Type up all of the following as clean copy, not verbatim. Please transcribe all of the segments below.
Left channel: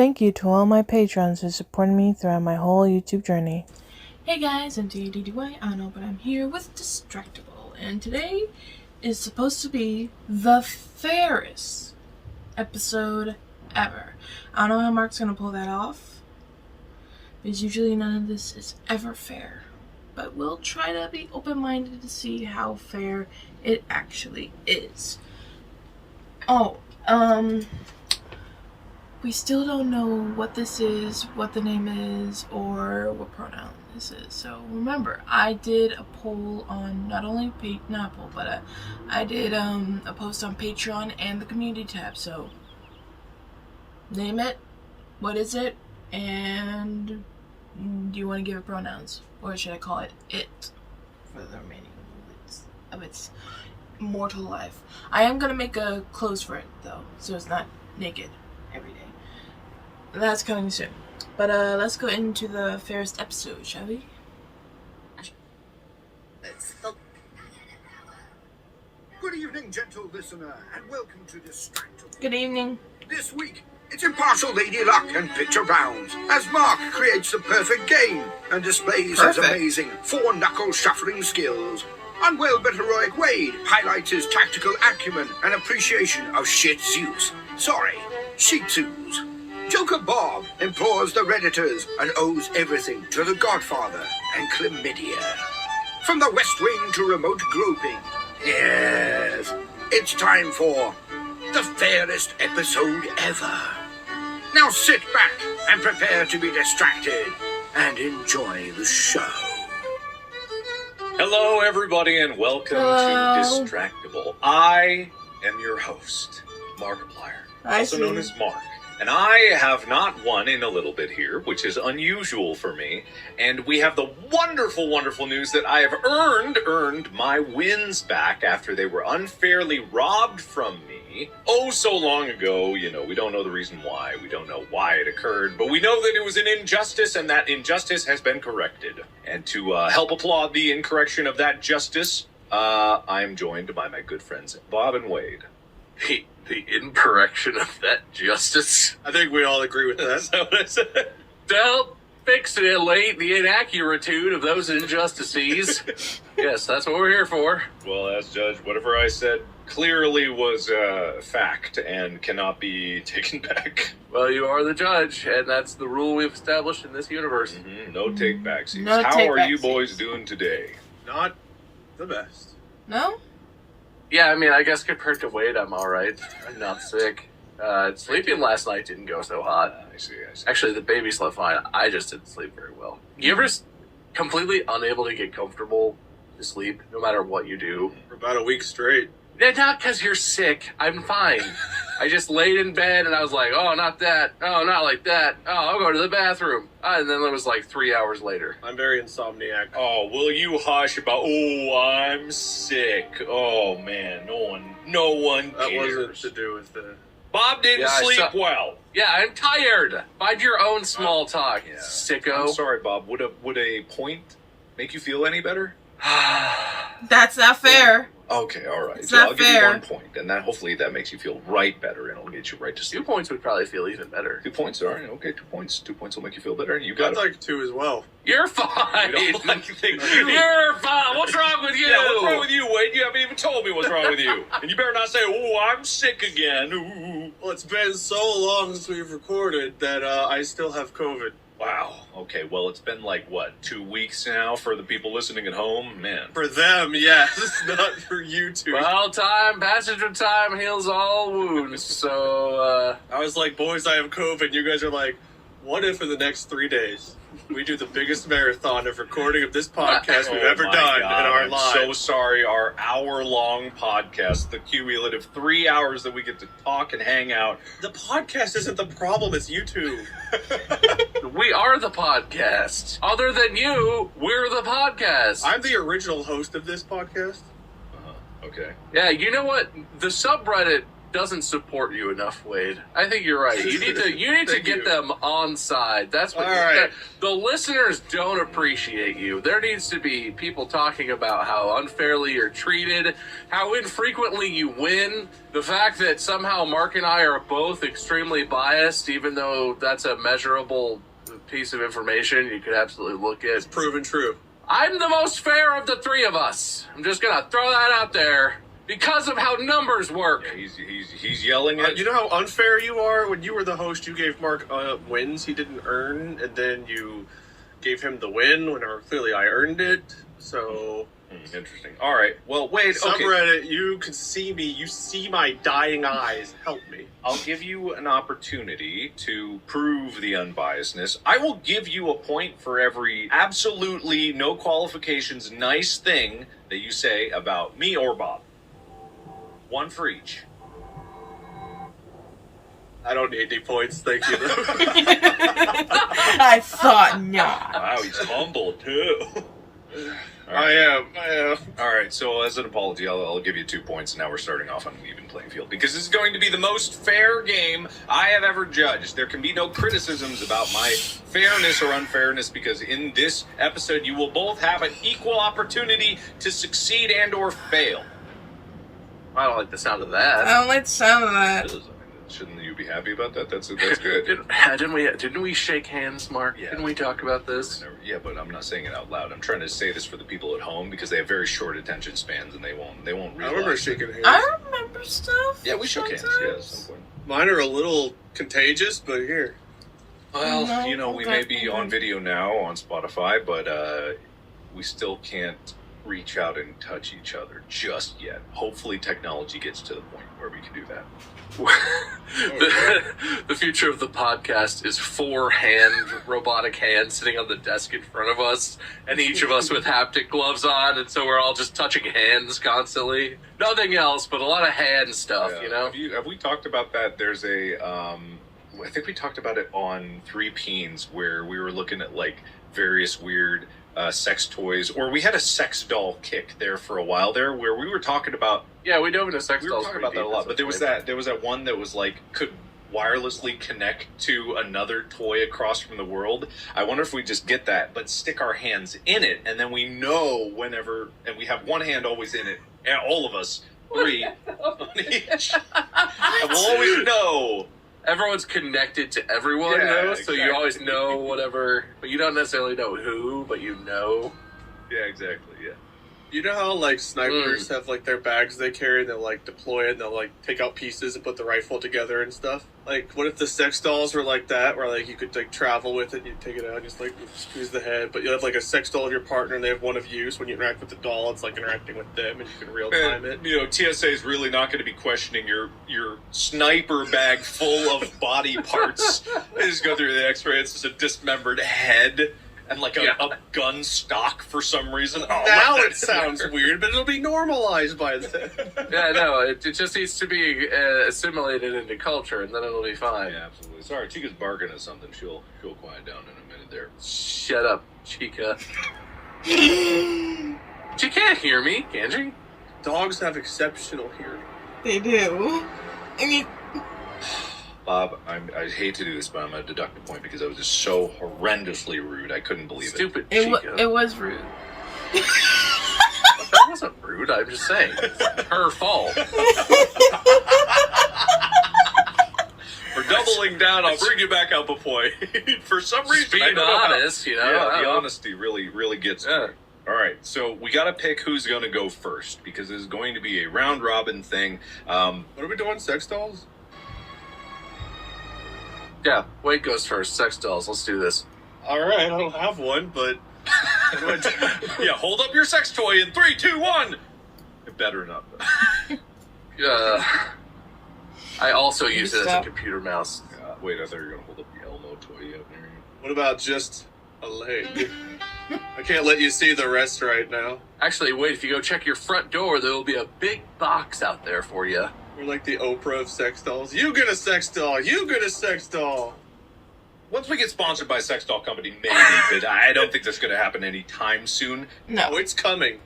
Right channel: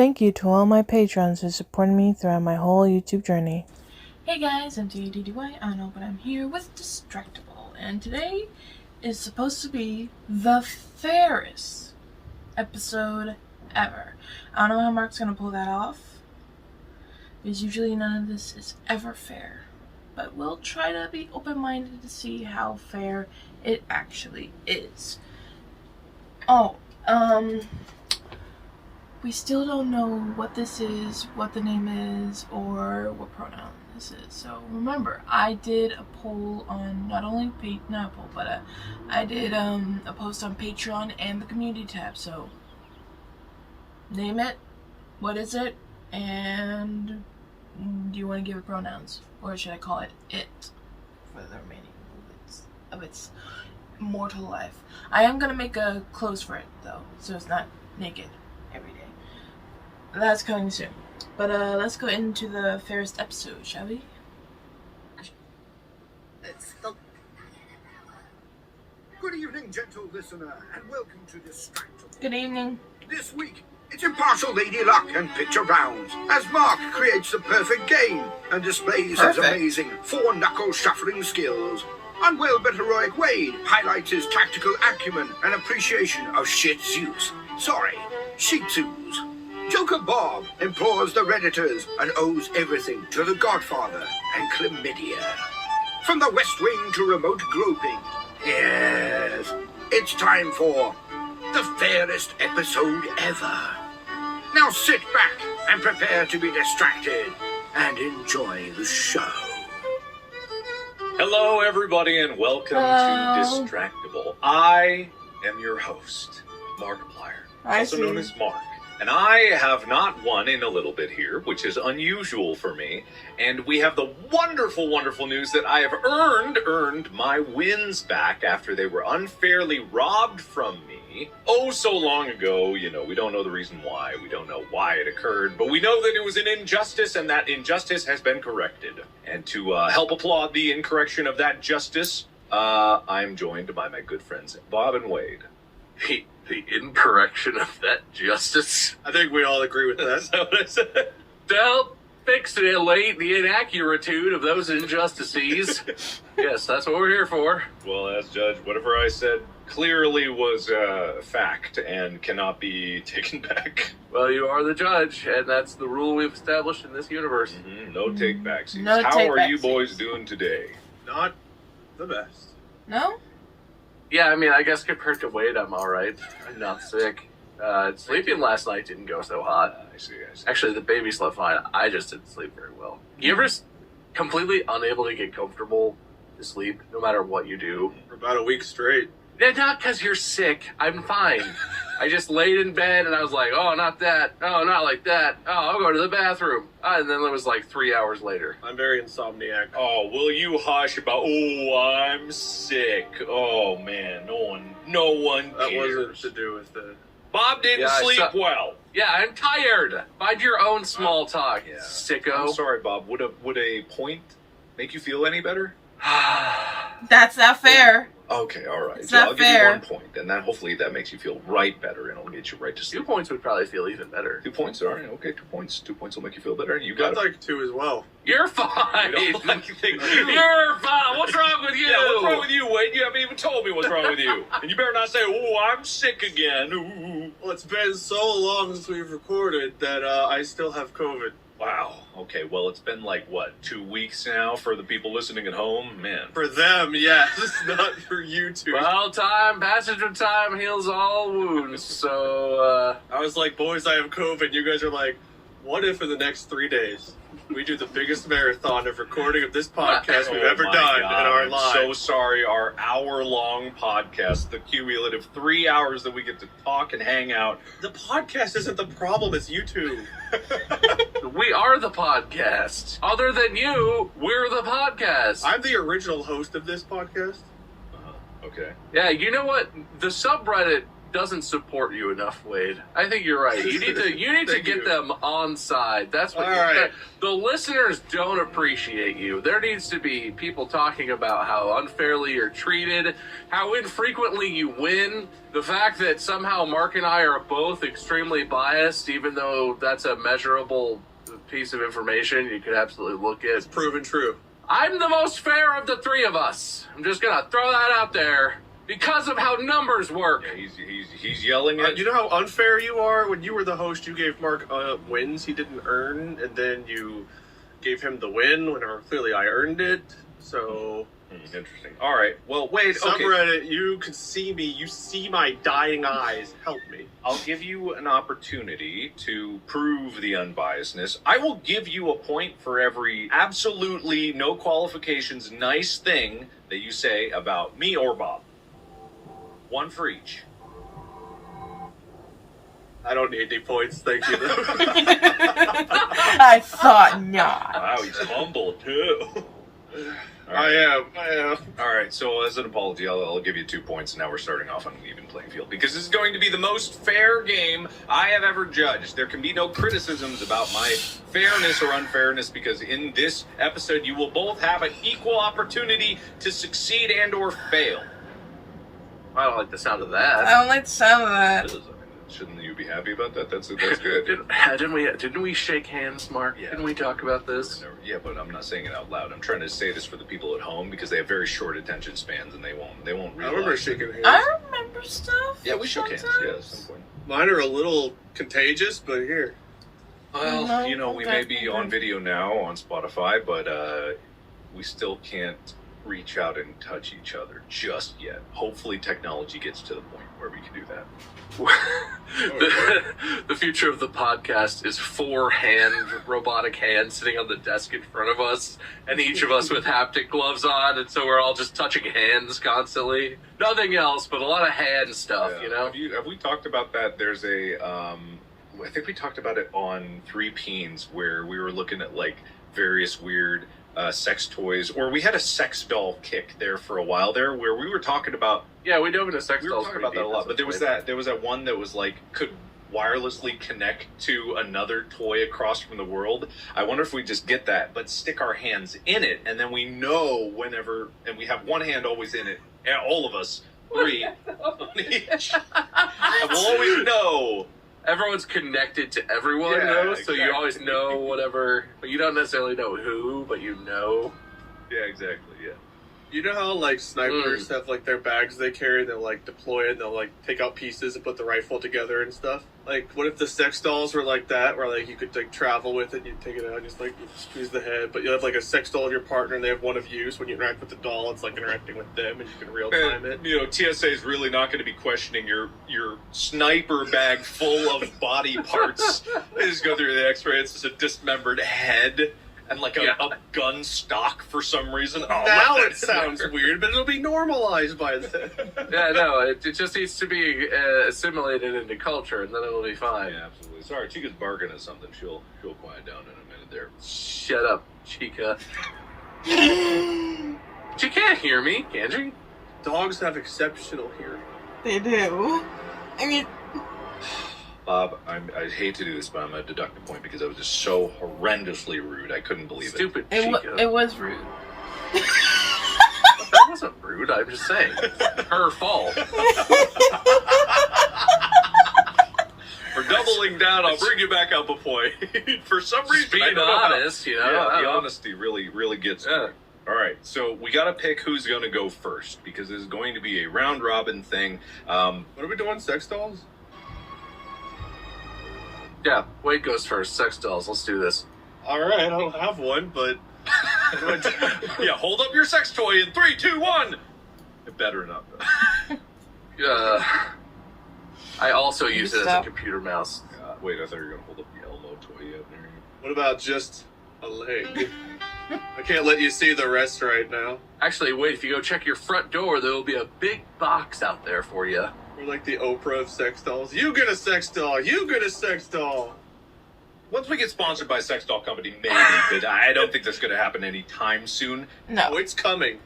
Thank you to all my patrons who supported me throughout my whole YouTube journey. Hey guys, I'm M.A.D.D.Y. I don't know, but I'm here with Distractible, and today is supposed to be the fairest episode ever. I don't know how Mark's gonna pull that off, because usually none of this is ever fair. But we'll try to be open-minded to see how fair it actually is. We still don't know what this is, what the name is, or what pronoun this is. So remember, I did a poll on I did a post on Patreon and the community tab. So name it, what is it, and do you want to give it pronouns, or should I call it it for the remaining of its mortal life? I am gonna make a clothes for it though, so it's not naked every day. That's coming soon. But let's go into the fairest episode, shall we? Good evening, gentle listener, and welcome to Distractible. Good evening. This week, it's impartial Lady Luck and picture rounds, as Mark creates the perfect game and displays his amazing four-knuckle shuffling skills. Unwell but heroic Wade highlights his tactical acumen and appreciation of shit Zeus. Sorry, Shih Tzus. Joker Bob implores the Redditors and owes everything to the Godfather and Chlamydia. From the West Wing to remote groping, yes, it's time for the fairest episode ever. Now sit back and prepare to be distracted and enjoy the show. Hello, everybody, and welcome to Distractible. I am your host, Markiplier, also known as Mark. And I have not won in a little bit here, which is unusual for me. And we have the wonderful, wonderful news that I have earned my wins back after they were unfairly robbed from me. Oh, so long ago. You know, we don't know the reason why. We don't know why it occurred. But we know that it was an injustice, and that injustice has been corrected. And to help applaud the incorrection of that justice, I'm joined by my good friends Bob and Wade. The incorrection of that justice. I think we all agree with that. That's what I said. Don't fix it late, the inaccuritude of those injustices. Yes, that's what we're here for. Well, as judge, whatever I said clearly was fact and cannot be taken back. Well, you are the judge, and that's the rule we've established in this universe. Mm-hmm. No take-backsies. No How are you take-backsies. boys doing today? Not the best. No? Yeah, I mean, I guess compared to Wade, I'm alright. I'm not sick. Sleeping last night didn't go so hot. I see. Actually, the baby slept fine. I just didn't sleep very well. You ever completely unable to get comfortable to sleep, no matter what you do? For about a week straight. Yeah, not because you're sick. I'm fine. I just laid in bed and I was like, oh, not that. Oh, not like that. Oh, I'll go to the bathroom. And then it was like 3 hours later. I'm very insomniac. Oh, will you hush about, I'm sick. Oh, man, no one That cares. wasn't to do with the... Bob didn't sleep well. Yeah, I'm tired. Find your own small talk, sicko. I'm sorry, Bob. Would a point make you feel any better? That's not fair. Okay, all right. It's So not I'll fair. give you 1 point, and that hopefully that makes you feel right better, and it'll get you right to 2 sleep. points would probably feel even better. 2 points, all right. Okay, 2 points. 2 points will make you feel better, and you got I'd it. like to as well. You're fine. You don't like things. You're fine. What's wrong with you? Yeah, what's wrong with you, Wade? You haven't even told me what's wrong with you. And you better not say, I'm sick again. Ooh. Well, it's been so long since we've recorded that I still have COVID. Wow. Okay, well, it's been like, 2 weeks now for the people listening at home? Man. For them, yes, not for you two. Well, passage of time heals all wounds. So, I was like, boys, I have COVID. You guys are like, what if in the next 3 days we do the biggest marathon of recording of this podcast we've ever my done God, in our I'm lives? so sorry. Our hour-long podcast, the cumulative 3 hours that we get to talk and hang out. The podcast isn't the problem, it's you two. we are the podcast. Other than you, we're the podcast. I'm the original host of this podcast. Okay. Yeah, you know what? The subreddit doesn't support you enough, Wade. I think you're right. You need to get them on side. That's what the listeners don't appreciate you. There needs to be people talking about how unfairly you're treated, how infrequently you win, the fact that somehow Mark and I are both extremely biased, even though that's a measurable piece of information you could absolutely look at. It's proven true. I'm the most fair of the three of us. I'm just gonna throw that out there. Because of how numbers work. Yeah, he's yelling at... You know how unfair you are? When you were the host, you gave Mark wins he didn't earn, and then you gave him the win when clearly I earned it. So... Interesting. All right. Well, wait. Subreddit, you can see me. You see my dying eyes. Help me. I'll give you an opportunity to prove the unbiasedness. I will give you a point for every absolutely no qualifications nice thing that you say about me or Bob. One for each. I don't need any points, thank you. I thought not. Wow, he's humble too. I am. All right, so as an apology, I'll give you 2 points. Now we're starting off on an even playing field because this is going to be the most fair game I have ever judged. There can be no criticisms about my fairness or unfairness because in this episode, you will both have an equal opportunity to succeed and or fail. I don't like the sound of that. I don't like the sound of that. Shouldn't you be happy about that? That's good. Didn't we shake hands, Mark? Yeah. Didn't we talk about this? Yeah, but I'm not saying it out loud. I'm trying to say this for the people at home because they have very short attention spans and they won't realize. I remember shaking hands. I remember stuff. Yeah, we shook hands. Yeah, at some point. Mine are a little contagious, but here. Well, No, we may be on video now on Spotify, but we still can't reach out and touch each other just yet. Hopefully technology gets to the point where we can do that. The future of the podcast is 4 robotic hands sitting on the desk in front of us, and each of us with haptic gloves on, and so we're all just touching hands constantly. Nothing else, but a lot of hand stuff, Yeah. you know? Have we talked about that? There's I think we talked about it on 3 Peens where we were looking at like various weird sex toys, or we had a sex doll kick there for a while there where we were talking about. Yeah, we dove into sex We were dolls. talking about that a lot, but there was that one that was like could wirelessly connect to another toy across from the world. I wonder if we just get that, but stick our hands in it, and then we know whenever, and we have one hand always in it, and all of us 3 on each, and we'll always know. Everyone's connected to everyone, though, so you always know whatever, but you don't necessarily know who, but you know. Yeah, exactly, yeah. You know how, like, snipers have, like, their bags they carry, they'll, like, deploy it, and they'll, like, take out pieces and put the rifle together and stuff? Like, what if the sex dolls were like that, where, like, you could, like, travel with it, and you take it out and just, like, squeeze the head, but you have, like, a sex doll of your partner, and they have one of you, so when you interact with the doll, it's, like, interacting with them, and you can real-time it. TSA is really not going to be questioning your sniper bag full of body parts. They just go through the x-ray, it's just a dismembered head. And like a gun stock for some reason. Oh, now it sounds weird, but it'll be normalized by then. Yeah, no, it just needs to be assimilated into culture, and then it'll be fine. Yeah, absolutely. Sorry, Chica's barking at something. She'll quiet down in a minute there. Shut up, Chica. She can't hear me, can she? Dogs have exceptional hearing. They do. I mean, Bob, I hate to do this, but I'm going to deduct a point because I was just so horrendously rude. I couldn't believe Stupid it Chica. was rude. That wasn't rude, I'm just saying. Her fault. For doubling down, I'll bring you back up a point. For some reason, Being I don't know how- honest, you know. Yeah, the honesty really gets me. All right, so we got to pick who's going to go first because this is going to be a round robin thing. What are we doing? Sex dolls? Yeah, Wade goes first. Sex dolls, let's do this. Alright, I don't have one, but... Yeah, hold up your sex toy in 3, 2, 1! It better not. I also use it as a computer mouse. Wait, I thought you were going to hold up the Elmo toy up there. What about just a leg? I can't let you see the rest right now. Actually, wait, if you go check your front door, there'll be a big box out there for you. We're like the Oprah of sex dolls. You get a sex doll! You get a sex doll! Once we get sponsored by a sex doll company, maybe, but I don't think that's going to happen anytime soon. No. Oh, it's coming.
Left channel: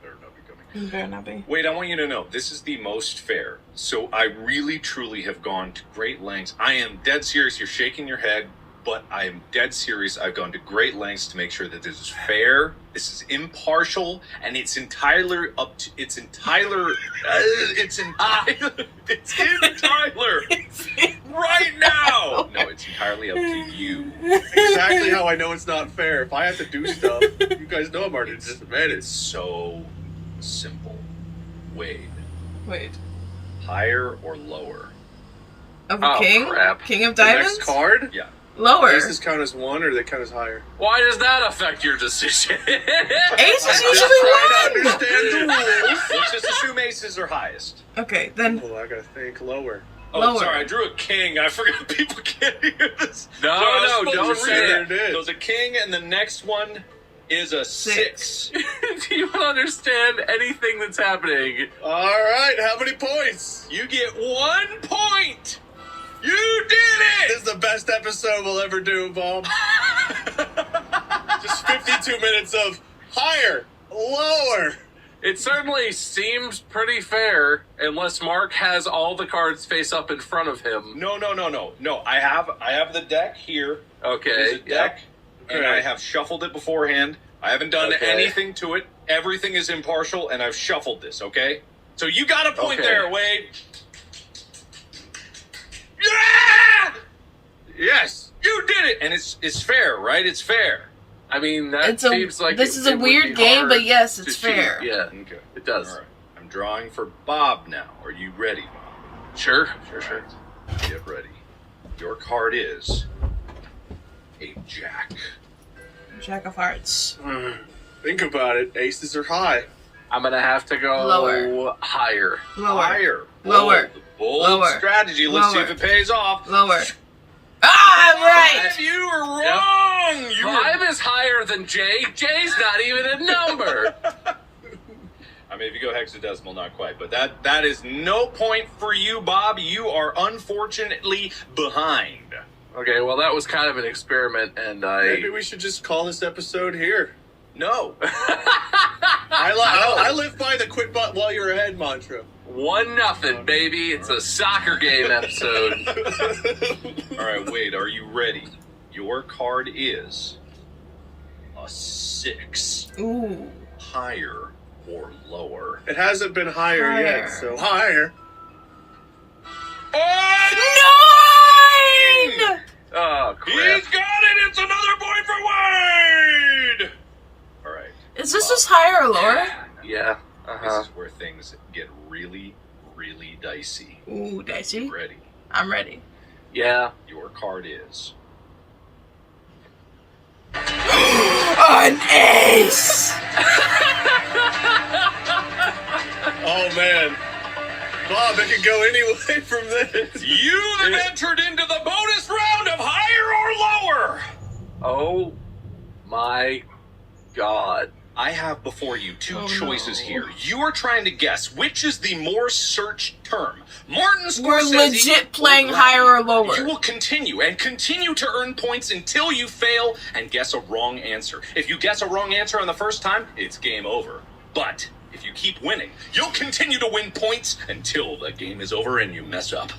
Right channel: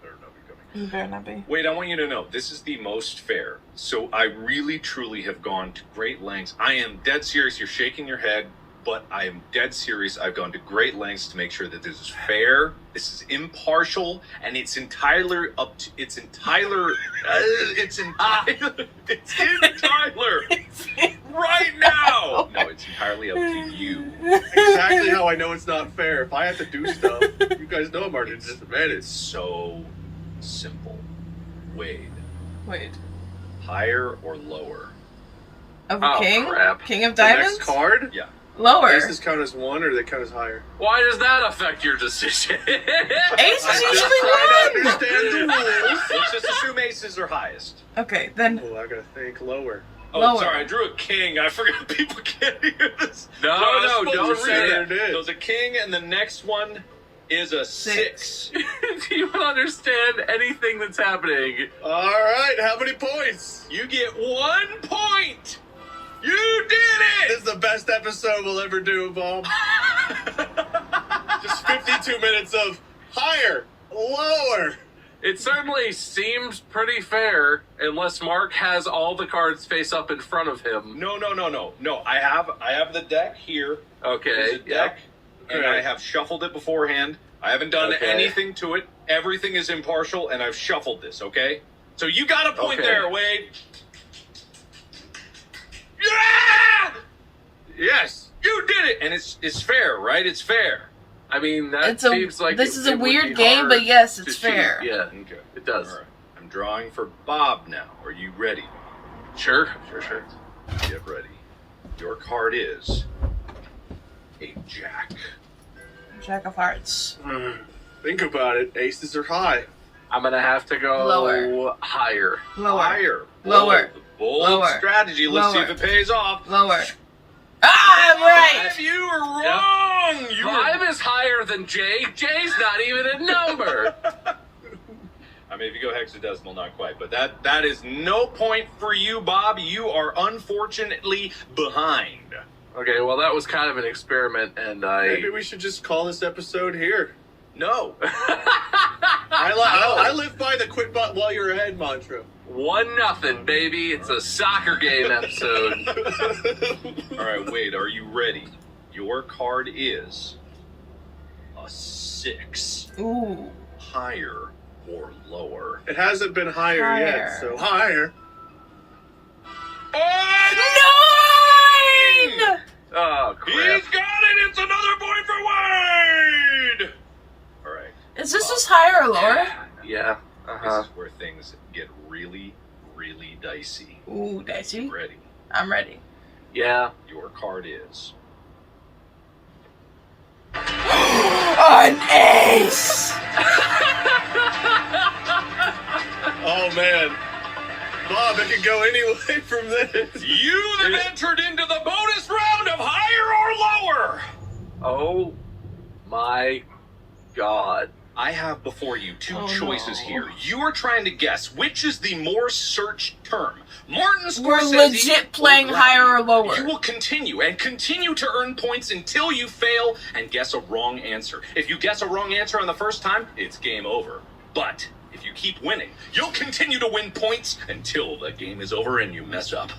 Better not be coming. You better not be. Wait, I want you to know, this is the most fair. So I really, truly have gone to great lengths. I am dead serious. You're shaking your head, but I am dead serious. I've gone to great lengths to make sure that this is fair, this is impartial, and it's entirely up to, it's entirely right now. No, it's entirely up to you. Exactly how I know it's not fair. If I have to do stuff, you guys know I'm already at a disadvantage. It's so simple. Wade, Wait. higher or lower? Of Oh, king? crap. King of The diamonds? next card? Yeah. Lower. Aces count as 1 or they count as higher? Why does that affect your decision? Ace is Trying usually to one! understand the rules. Let's just assume aces are highest. Okay, then Well, I gotta think lower. Oh, Lower. sorry, I drew a king. I forgot people can't hear this. No, So I was no, supposed don't to read that. it. So it's a king, and the next one is a 6. Do you understand anything that's happening? Alright, how many points? You get 1 point. You did This it. is the best episode we'll ever do, Bob. Just 52 minutes of higher, lower. It certainly seems pretty fair, unless Mark has all the cards face up in front of him. No. I have the deck here. Okay. There's a deck, and Okay. I have shuffled it beforehand. I haven't done Okay. anything to it. Everything is impartial, and I've shuffled this. Okay. So you got a point Okay. there, Wade. Yeah! Yes. You did it, and it's fair, right? It's fair. I mean, that it's a seems like this is a would be weird game, hard but yes, to it's shoot. fair. Yeah, Okay. it does. All right. I'm drawing for Bob now. Are you ready, Bob? Sure. Get ready. Your card is a jack. Jack of Hearts. Think about it. Aces are high. I'm gonna have to go Lower. higher. Lower. Higher. Lower. Bold Lower. strategy. Let's see Lower. if it pays off. Lower. Ah, I'm right! You were wrong. You were... 5 is higher than J. J's not even a number. I mean, if you go hexadecimal, not quite, but that is no point for you, Bob. You are unfortunately behind. Okay, well, that was kind of an experiment, and Maybe we should just call this episode here. No. I live by the quit but while you're ahead mantra. 1-0, baby. It's a soccer game episode. All right, Wade, are you ready? Your card is a 6. Ooh. Higher or lower? It hasn't been higher yet, Higher. so higher. Oh, 9! Oh, crap. he's got it! It's another point for Wade! All right. Is this just higher or lower? Yeah. Uh-huh. This is where things get really, really dicey. Ooh, dicey. Ready? I'm ready. Yeah. Your card is An ace! Oh man. Bob, it could go any way from this. you have entered into the bonus round of higher or lower. Oh, my God. I have before you two Oh, choices no. here. You are trying to guess which is the more searched term. Martin Scorsese We're legit playing higher or lower. You will continue to earn points until you fail and guess a wrong answer. If you guess a wrong answer on the first time, it's game over. But if you keep winning, you'll continue to win points until the game is over and you mess up.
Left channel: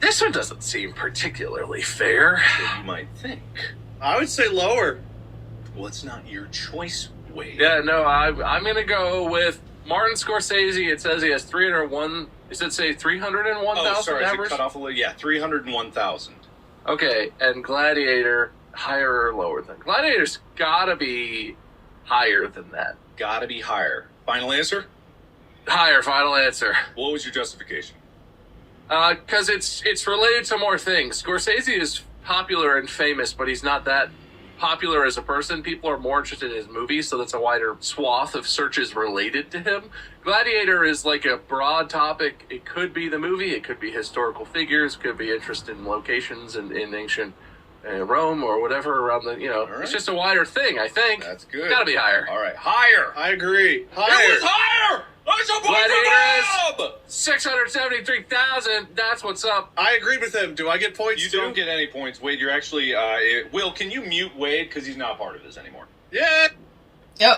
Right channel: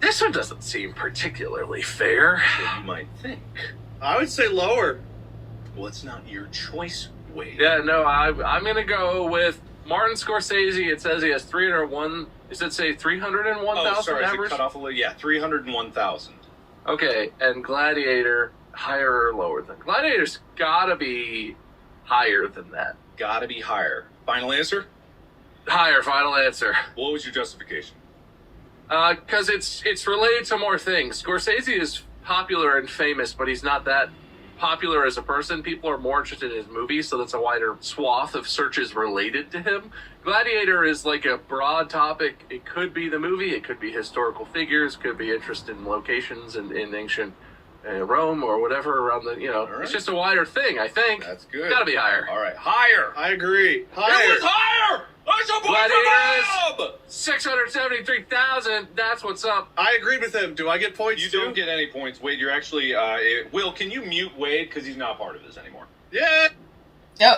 This one doesn't seem particularly fair. So you might think, I would say lower. well, it's not your choice, Wade. Yeah, no, I'm going to go with Martin Scorsese. It says he has 301. Does it say 301,000 Oh, sorry, average? it cut off a little. Yeah, 301,000. Okay, and Gladiator, higher or lower than Gladiator's gotta be higher than that. Gotta be higher. Final answer? Higher, final answer. What was your justification? Because it's related to more things. Scorsese is popular and famous, but he's not that popular as a person. People are more interested in his movies, so that's a wider swath of searches related to him. Gladiator is like a broad topic. It could be the movie, it could be historical figures, could be interest in locations in ancient Rome or whatever around the, All right. It's just a wider thing, I think. That's good. It's gotta be higher. All right, higher. I agree. It Higher. was higher. That's a point for Bob. 673,000, that's what's up. I agreed with him. Do I get points You too? don't get any points, Wade. You're actually Will. Can you mute Wade because he's not part of this anymore? Yeah. Oh.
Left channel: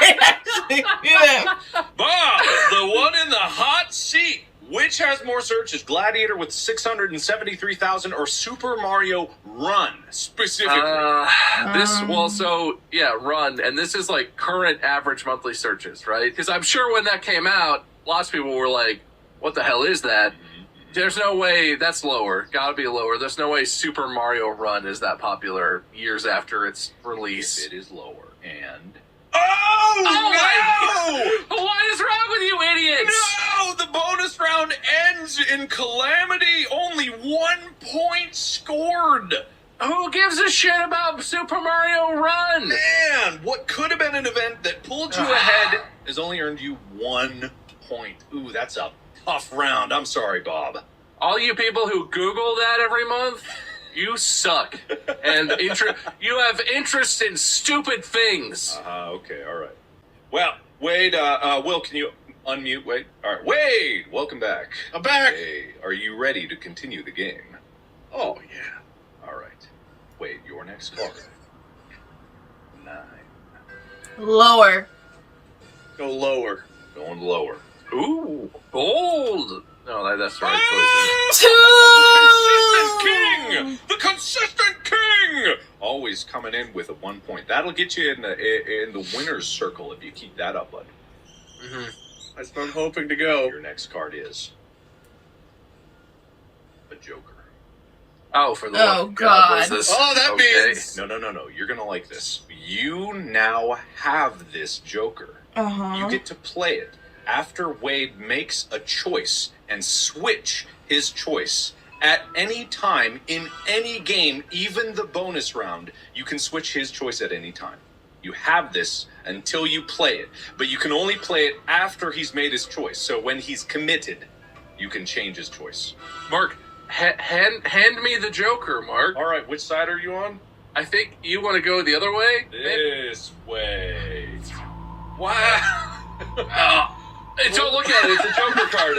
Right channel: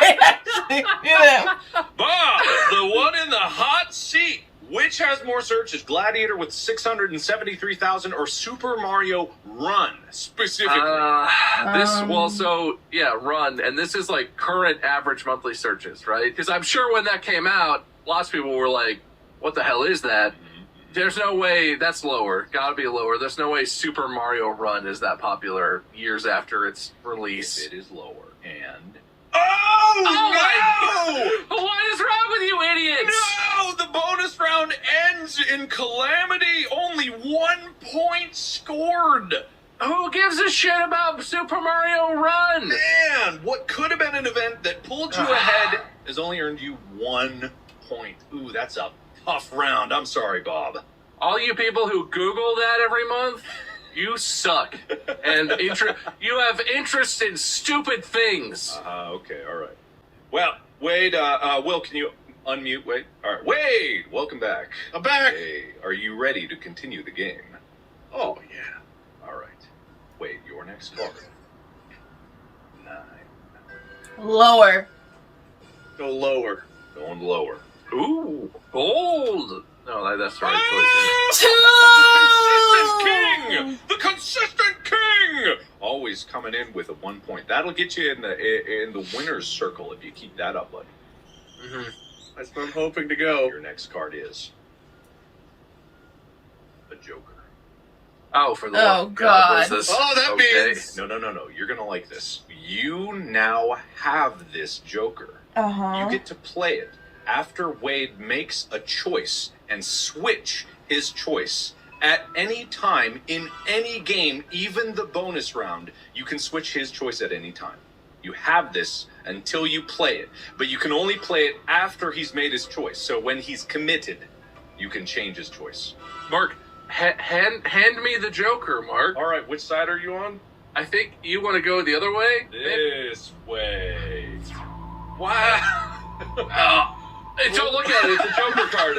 They actually do that. Bob, the one in the hot seat. Which has more searches, Gladiator with 673,000 or Super Mario Run specifically? Run, and this is like current average monthly searches, right? Because I'm sure when that came out, lots of people were like, "What the hell is that?" There's no way that's lower. Gotta be lower. There's no way Super Mario Run is that popular years after its release. It is lower, and What is wrong with you idiots? no, the bonus round ends in calamity. Only 1 point scored. Who gives a shit about Super Mario Run? Man, what could have been an event that pulled you ahead has only earned you 1 point. Ooh, that's a tough round. I'm sorry, Bob. All you people who Google that every month, you suck. And you have interest in stupid things. Okay, all right. Well, Wade, Will, can you unmute Wade? All right, Wade, welcome back. I'm back. Hey, are you ready to continue the game? Oh, yeah. All right. Wade, your next card. 9. Lower. Go lower. Going lower. Ooh, bold. No, that's the right choice. The consistent king! Always coming in with a 1 point. That'll get you in the winner's circle if you keep that up, bud. Mm-hmm. That's what I'm hoping to go. Your next card is a Joker. Oh, for the God. That means... No. You're gonna like this. You now have this Joker. You get to play it after Wade makes a choice and switch his choice. At any time, in any game, even the bonus round, you can switch his choice at any time. You have this until you play it, but you can only play it after he's made his choice. So when he's committed, you can change his choice. Mark, hand me the Joker, Mark. All right, which side are you on? I think you want to go the other way? This way. Wow. Hey, don't look at it. It's a Joker card.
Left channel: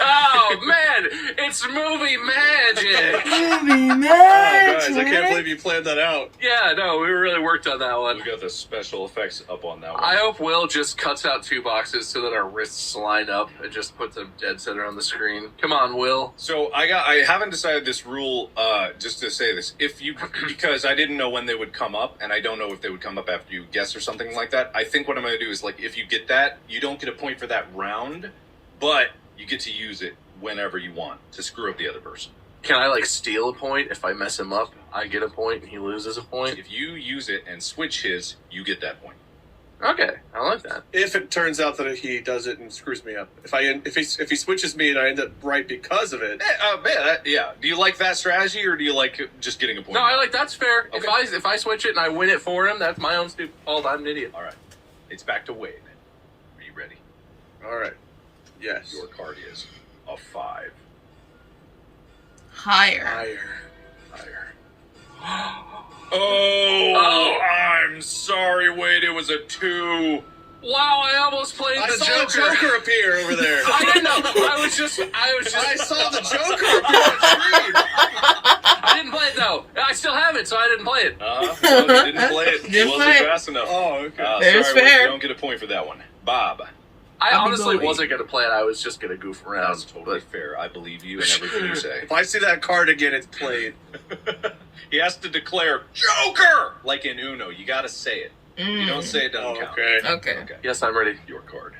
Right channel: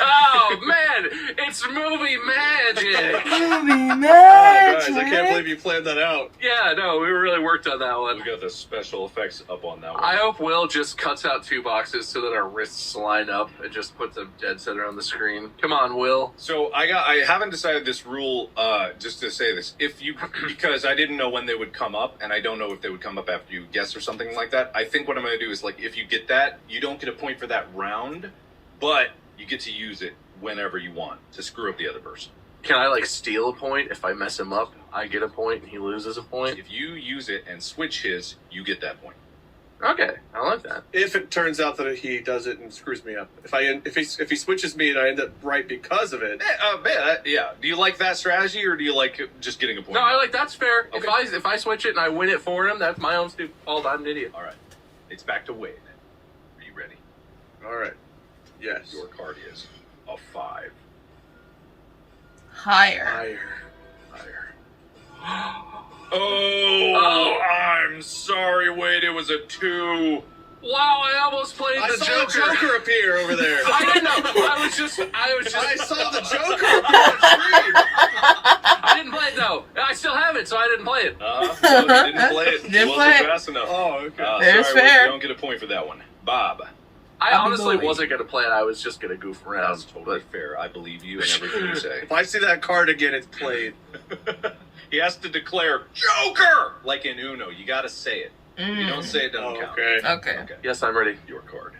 Oh, man. It's movie magic. Movie Oh, magic. guys, I can't believe you planned that out. Yeah, no, we really worked on that one. We got the special effects up on that one. I hope Will just cuts out 2 boxes so that our wrists line up and just puts a dead center on the screen. Come on, Will. So I haven't decided this rule, just to say this. Because I didn't know when they would come up, and I don't know if they would come up after you guess or something like that. I think what I'm going to do is, like, if you get that, you don't get a point for that round, but you get to use it whenever you want to screw up the other person. Can I, like, steal a point? If I mess him up, I get a point and he loses a point? If you use it and switch his, you get that point. Okay, I like that. If it turns out that he does it and screws me up. If he switches me and I end up right because of it. Yeah. Do you like that strategy, or do you like just getting a point? No, I like that's fair. Okay. If I switch it and I win it for him, that's my own stupid fault. I'm an idiot. All right. It's back to Wade. Are you ready? All right. Yes. Your card is a 5. Higher. Oh, I'm sorry, Wade. It was a 2. Wow, I almost played I the saw Joker. the Joker appear over there. I didn't know. I was just. I saw the Joker appear on screen. I didn't play it though. I still have it, so I didn't play it. No, you didn't play it. Didn't Wasn't play it. fast enough. Oh, okay. There's sorry, Wade, fair. you don't get a point for that one. Bob. I I'll be honestly bullied. wasn't going to play it. I was just going to goof around. That's totally fair. I believe you and everything you say. If I see that card again, it's played. He has to declare Joker like in Uno. You got to say it. You don't say it, doesn't count. Okay. Okay. Okay. Yes, I'm ready. Your card.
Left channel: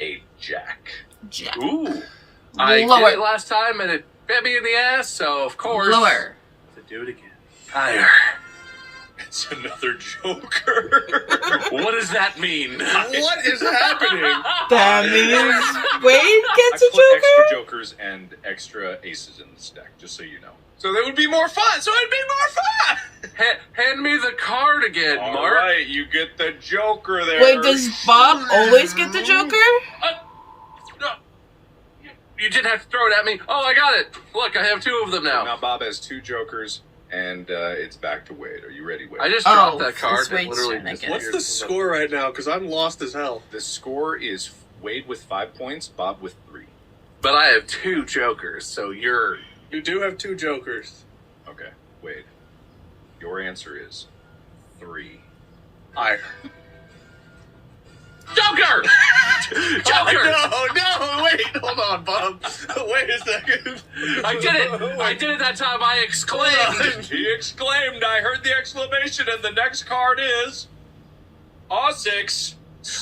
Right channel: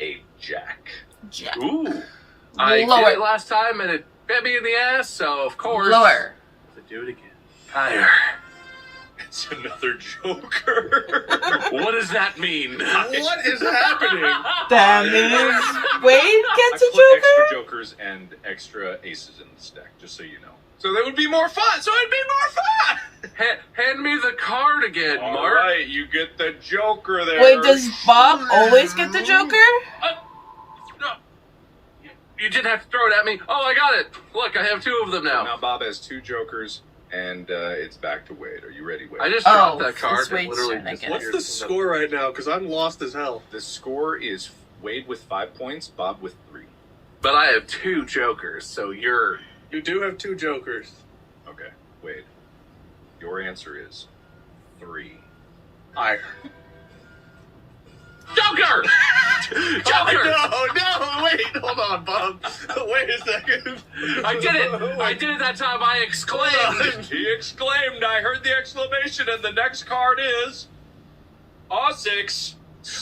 A Jack. Jack. Ooh. I Lower. did it last time and it bit me in the ass, so of course. Lower. I have to do it again. Higher. It's another Joker. What does that mean? What is happening? That means Wade gets I a put Joker? extra Jokers and extra aces in the stack, just so you know. So that would be more fun. So it'd be more fun. Hand me the card again, All Mark. right, you get the Joker there. Wait, does Bob always get the Joker? No. You didn't have to throw it at me. Oh, I got it. Look, I have 2 of them So now. now Bob has 2 Jokers, and it's back to Wade. Are you ready, Wade? I just dropped that it's card. Wade's Literally turn, I just get it. What's the score right now? Because I'm lost as hell. The score is Wade with 5 points, Bob with 3. But I have 2 Jokers, so you're... You do have 2 Jokers. Okay. Wade, your answer is 3. Higher. Joker! Joker! No, wait, hold on, Bob. Wait a second. I did it! I did it that time. I exclaimed. He exclaimed, I heard the exclamation, and the next card is... A6.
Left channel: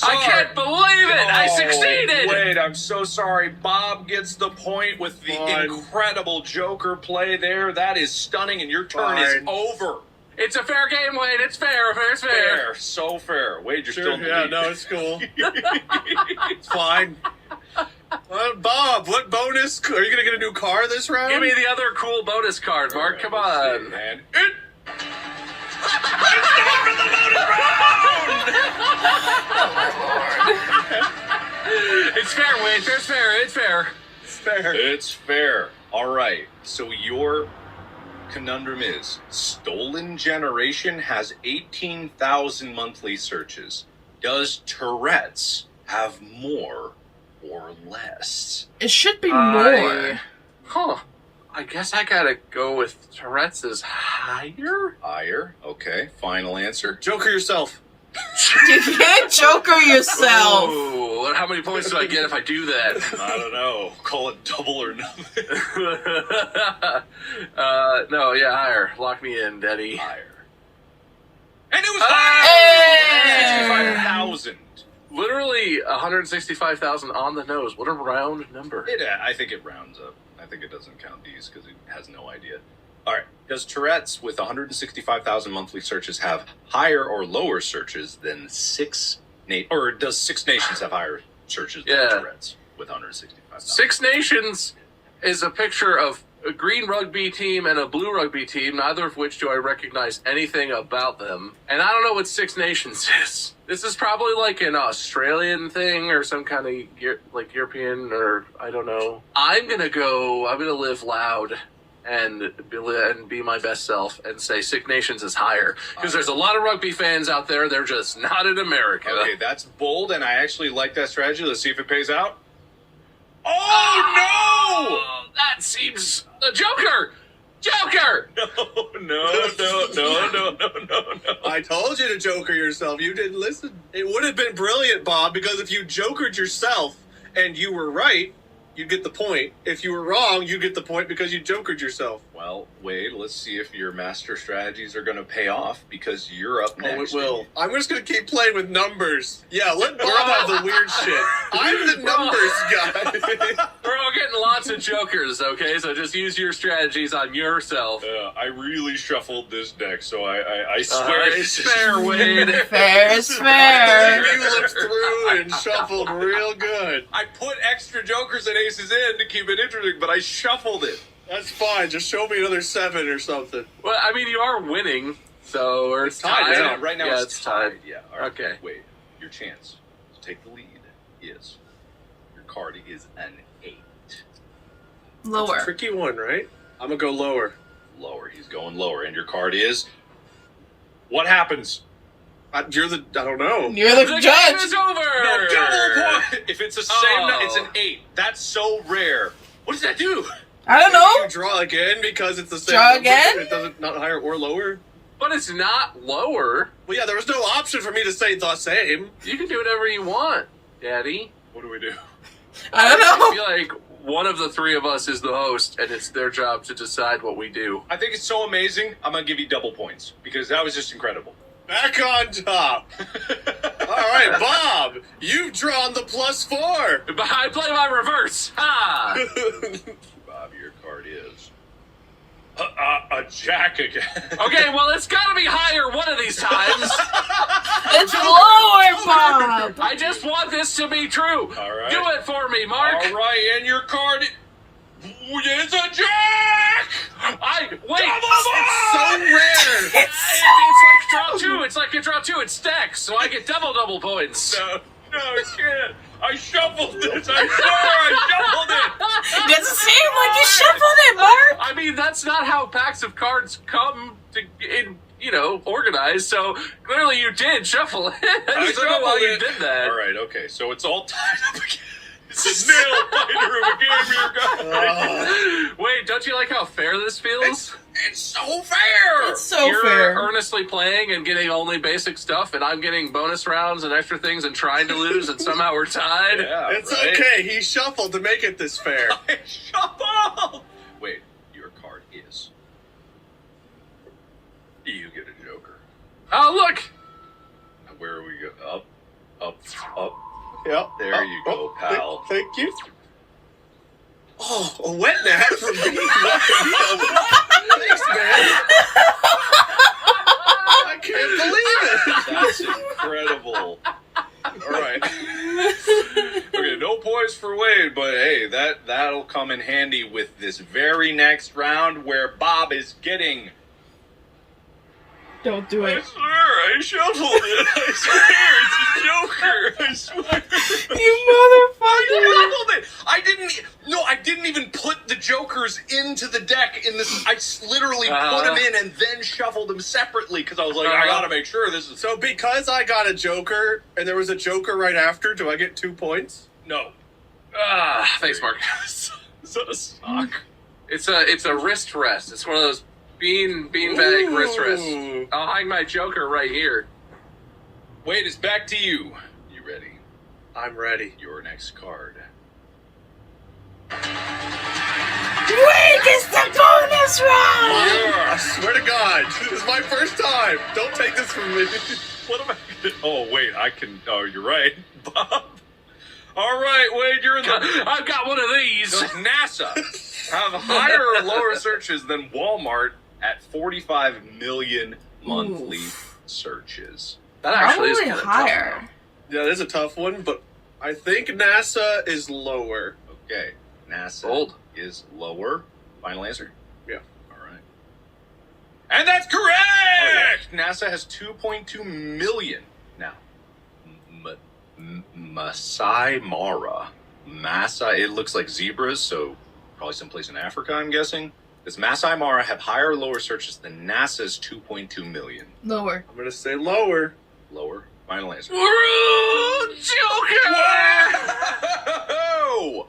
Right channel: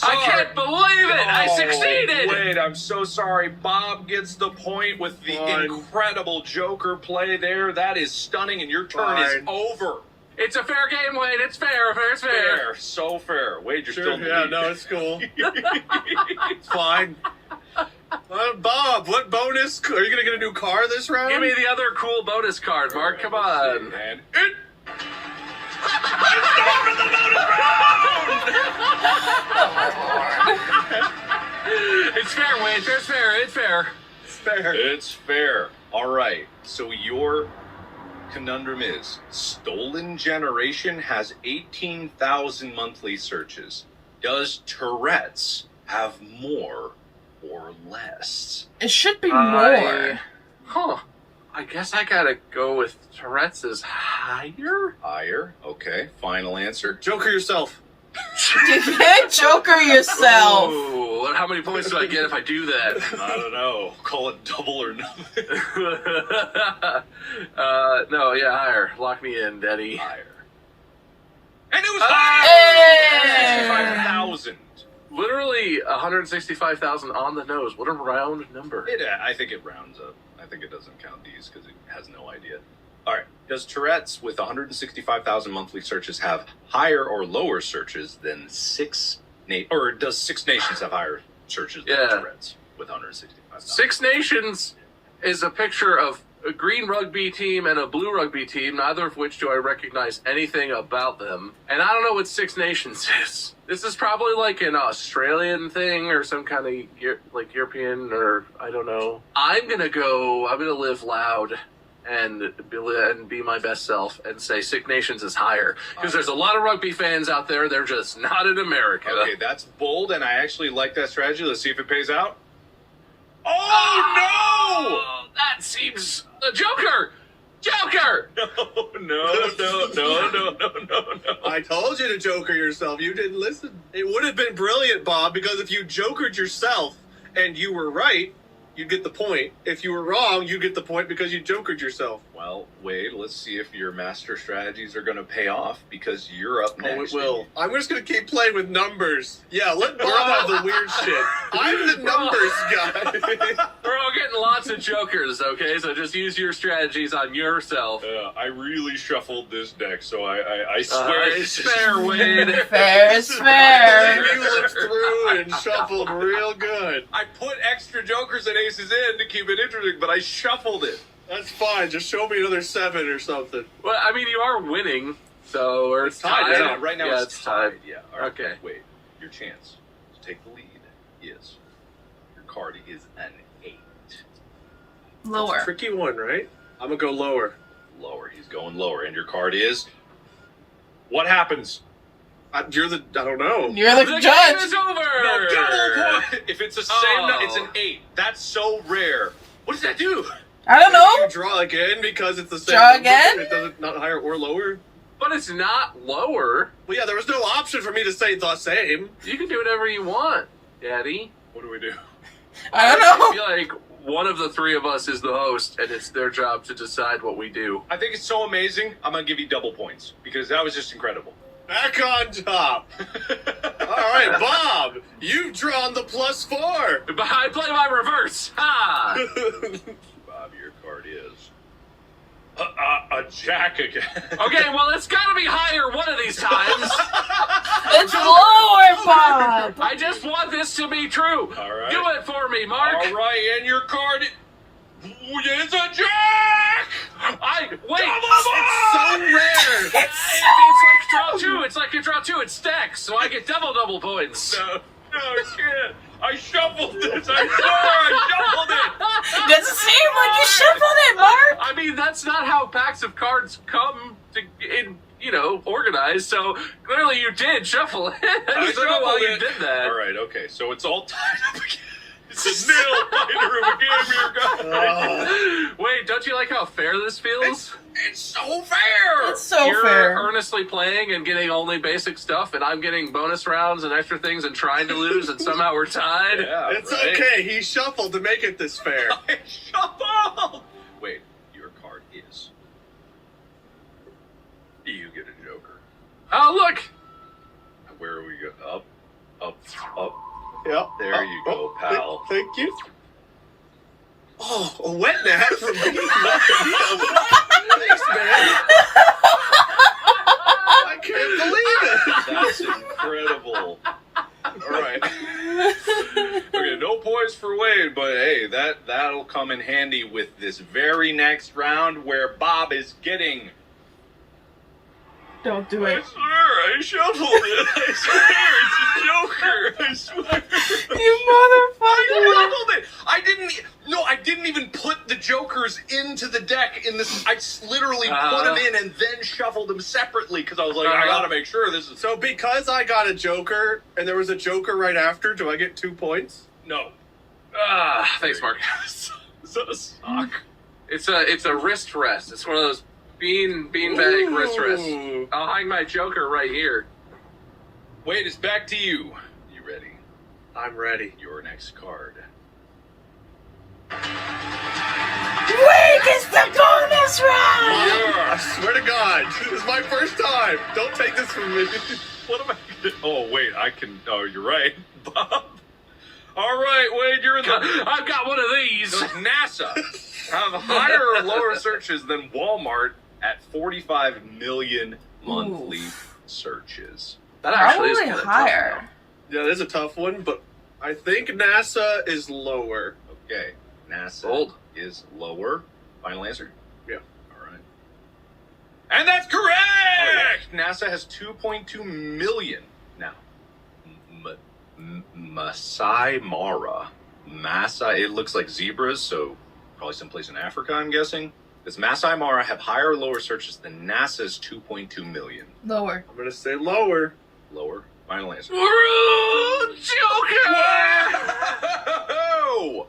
I can't believe it! I succeeded! Wait, I'm so sorry. Bob gets the point with the incredible Joker play there. That is stunning, and your turn is over. It's a fair game, Wade. It's fair. It's fair. Fair. So fair. Wade, you're still in the lead. No, it's cool. It's fine. Bob, what bonus? Are you going to get a new car this round? Give me the other cool bonus card, Mark. Come on. And It's fair, Wade. It's fair. It's fair. It's fair. It's fair. All right. So your conundrum is Stolen Generation has 18,000 monthly searches. Does Tourette's have more or less? It should be more. I guess I gotta go with Tourette's is higher? Higher. Okay. Final answer. Joker yourself. You can't Joker yourself. Ooh, how many points do I get if I do that? I don't know. Call it double or nothing. No, yeah, higher. Lock me in, Daddy. Higher. And it was higher! Hey! 65,000. Literally 165,000 on the nose. What a round number. I think it rounds up. I think it doesn't count these because it has no idea. All right. Does Tourette's with 165,000 monthly searches have higher or lower searches than or does Six Nations have higher searches than Tourette's with 165,000? Six Nations is a picture of a green rugby team and a blue rugby team, neither of which do I recognize anything about them. And I don't know what Six Nations is. This is probably like an Australian thing or some kind of like European or I don't know. I'm going to live loud and be my best self and say Six Nations is higher. Because there's a lot of rugby fans out there, they're just not in America. Okay, that's bold, and I actually like that strategy. Let's see if it pays out. Oh, no! That seems... Joker! Joker! No. I told you to Joker yourself. You didn't listen. It would have been brilliant, Bob, because if you Jokered yourself and you were right, you'd get the point. If you were wrong, you get the point because you Jokered yourself. Well, Wade, let's see if your master strategies are going to pay off because you're up next. Oh, it will. I'm just going to keep playing with numbers. Yeah, let Bob have the weird shit. I'm the numbers guy. We're all getting lots of Jokers, okay? So just use your strategies on yourself. I really shuffled this deck, so I swear it's fair, Wade. Fair is fair. You looked through and shuffled real good. I put extra Jokers and aces in to keep it interesting, but I shuffled it. That's fine. Just show me another 7 or something. Well, I mean, you are winning, so or it's tied. Right now it's tied. Yeah. All right. Okay. Wait. Your chance to take the lead is your card is an 8. Lower. That's a tricky one, right? I'm gonna go lower. Lower. He's going lower, and your card is. What happens? I don't know. You're the Game judge. is over. No, double point. If it's the same, it's an 8. That's so rare. What does that do? I don't know. You draw again because it's the same. Draw number, again? It doesn't not higher or lower. But it's not lower. Well, yeah, there was no option for me to say the same. You can do whatever you want, Daddy. What do we do? I don't I know. feel like one of the three of us is the host, and it's their job to decide what we do. I think it's so amazing. I'm gonna give you double points because that was just incredible. Back on top. All right, Bob, you've drawn the +4. But I play my reverse. Ha! Bob, your card is a jack again. Okay, well, it's gotta be higher one of these times. It's lower, Bob. I just want this to be true. All right. Do it for me, Mark. All right, and your card is a jack. Wait. It's so rare. It's like draw two. It's like you draw two. It stacks, so I get double points. No, I can't. I shuffled this. I swear I shuffled it. Doesn't seem like you shuffled it, Mark. I mean, that's not how packs of cards come organized. So clearly you did shuffle it. I don't know why you did that. All right, okay. So it's all tied up again. It's a nail fighter of a game here, guys. Wait, don't you like how fair this feels? It's so so fair. It's so You're fair. earnestly playing and getting only basic stuff, and I'm getting bonus rounds and extra things and trying to lose, and somehow we're tied. Yeah, It's right? okay. He shuffled to make it this fair. I shuffled! Wait, your card is... You get a joker. Oh, look! Where are we go? Up. Yep. There you go, pal. Thank you. Oh, a wet nap from me. Thanks, man. I can't believe it. That's incredible. All right. Okay, no points for Wade, but hey, that'll come in handy with this very next round where Bob is getting... Don't do I it. swear, I shuffled it. I swear, it's a joker. I swear. You I motherfucker! shuffled it. I didn't even put the jokers into the deck in this. I literally put them in and then shuffled them separately because I was like, I gotta make sure this is. So because I got a joker and there was a joker right after, do I get 2 points? No. Thanks, Mark. Is that a sock? It's a wrist rest. It's one of those beanbag wrist rests. Ooh. I'll hang my joker right here. Wait, it's back to you. You ready? I'm ready. Your next card. Wait, it's the bonus round! I swear to God, this is my first time. Don't take this from me. What am I? Oh wait, I can. Oh, you're right, Bob. All right, Wade, you're in the. I've got one of these. Does NASA have higher or lower searches than Walmart at 45 million monthly searches? That actually is Probably kinda higher. Yeah, that is a tough one, but I think NASA is lower. Okay, NASA Bold. is lower. Final answer? Yeah. All right. And that's correct! NASA has 2.2 million. Now, Masai Mara. It looks like zebras, so probably someplace in Africa, I'm guessing. Does Masai Mara have higher or lower searches than NASA's 2.2 million? Lower. I'm gonna say lower. Lower. Final answer. Joker! Whoa!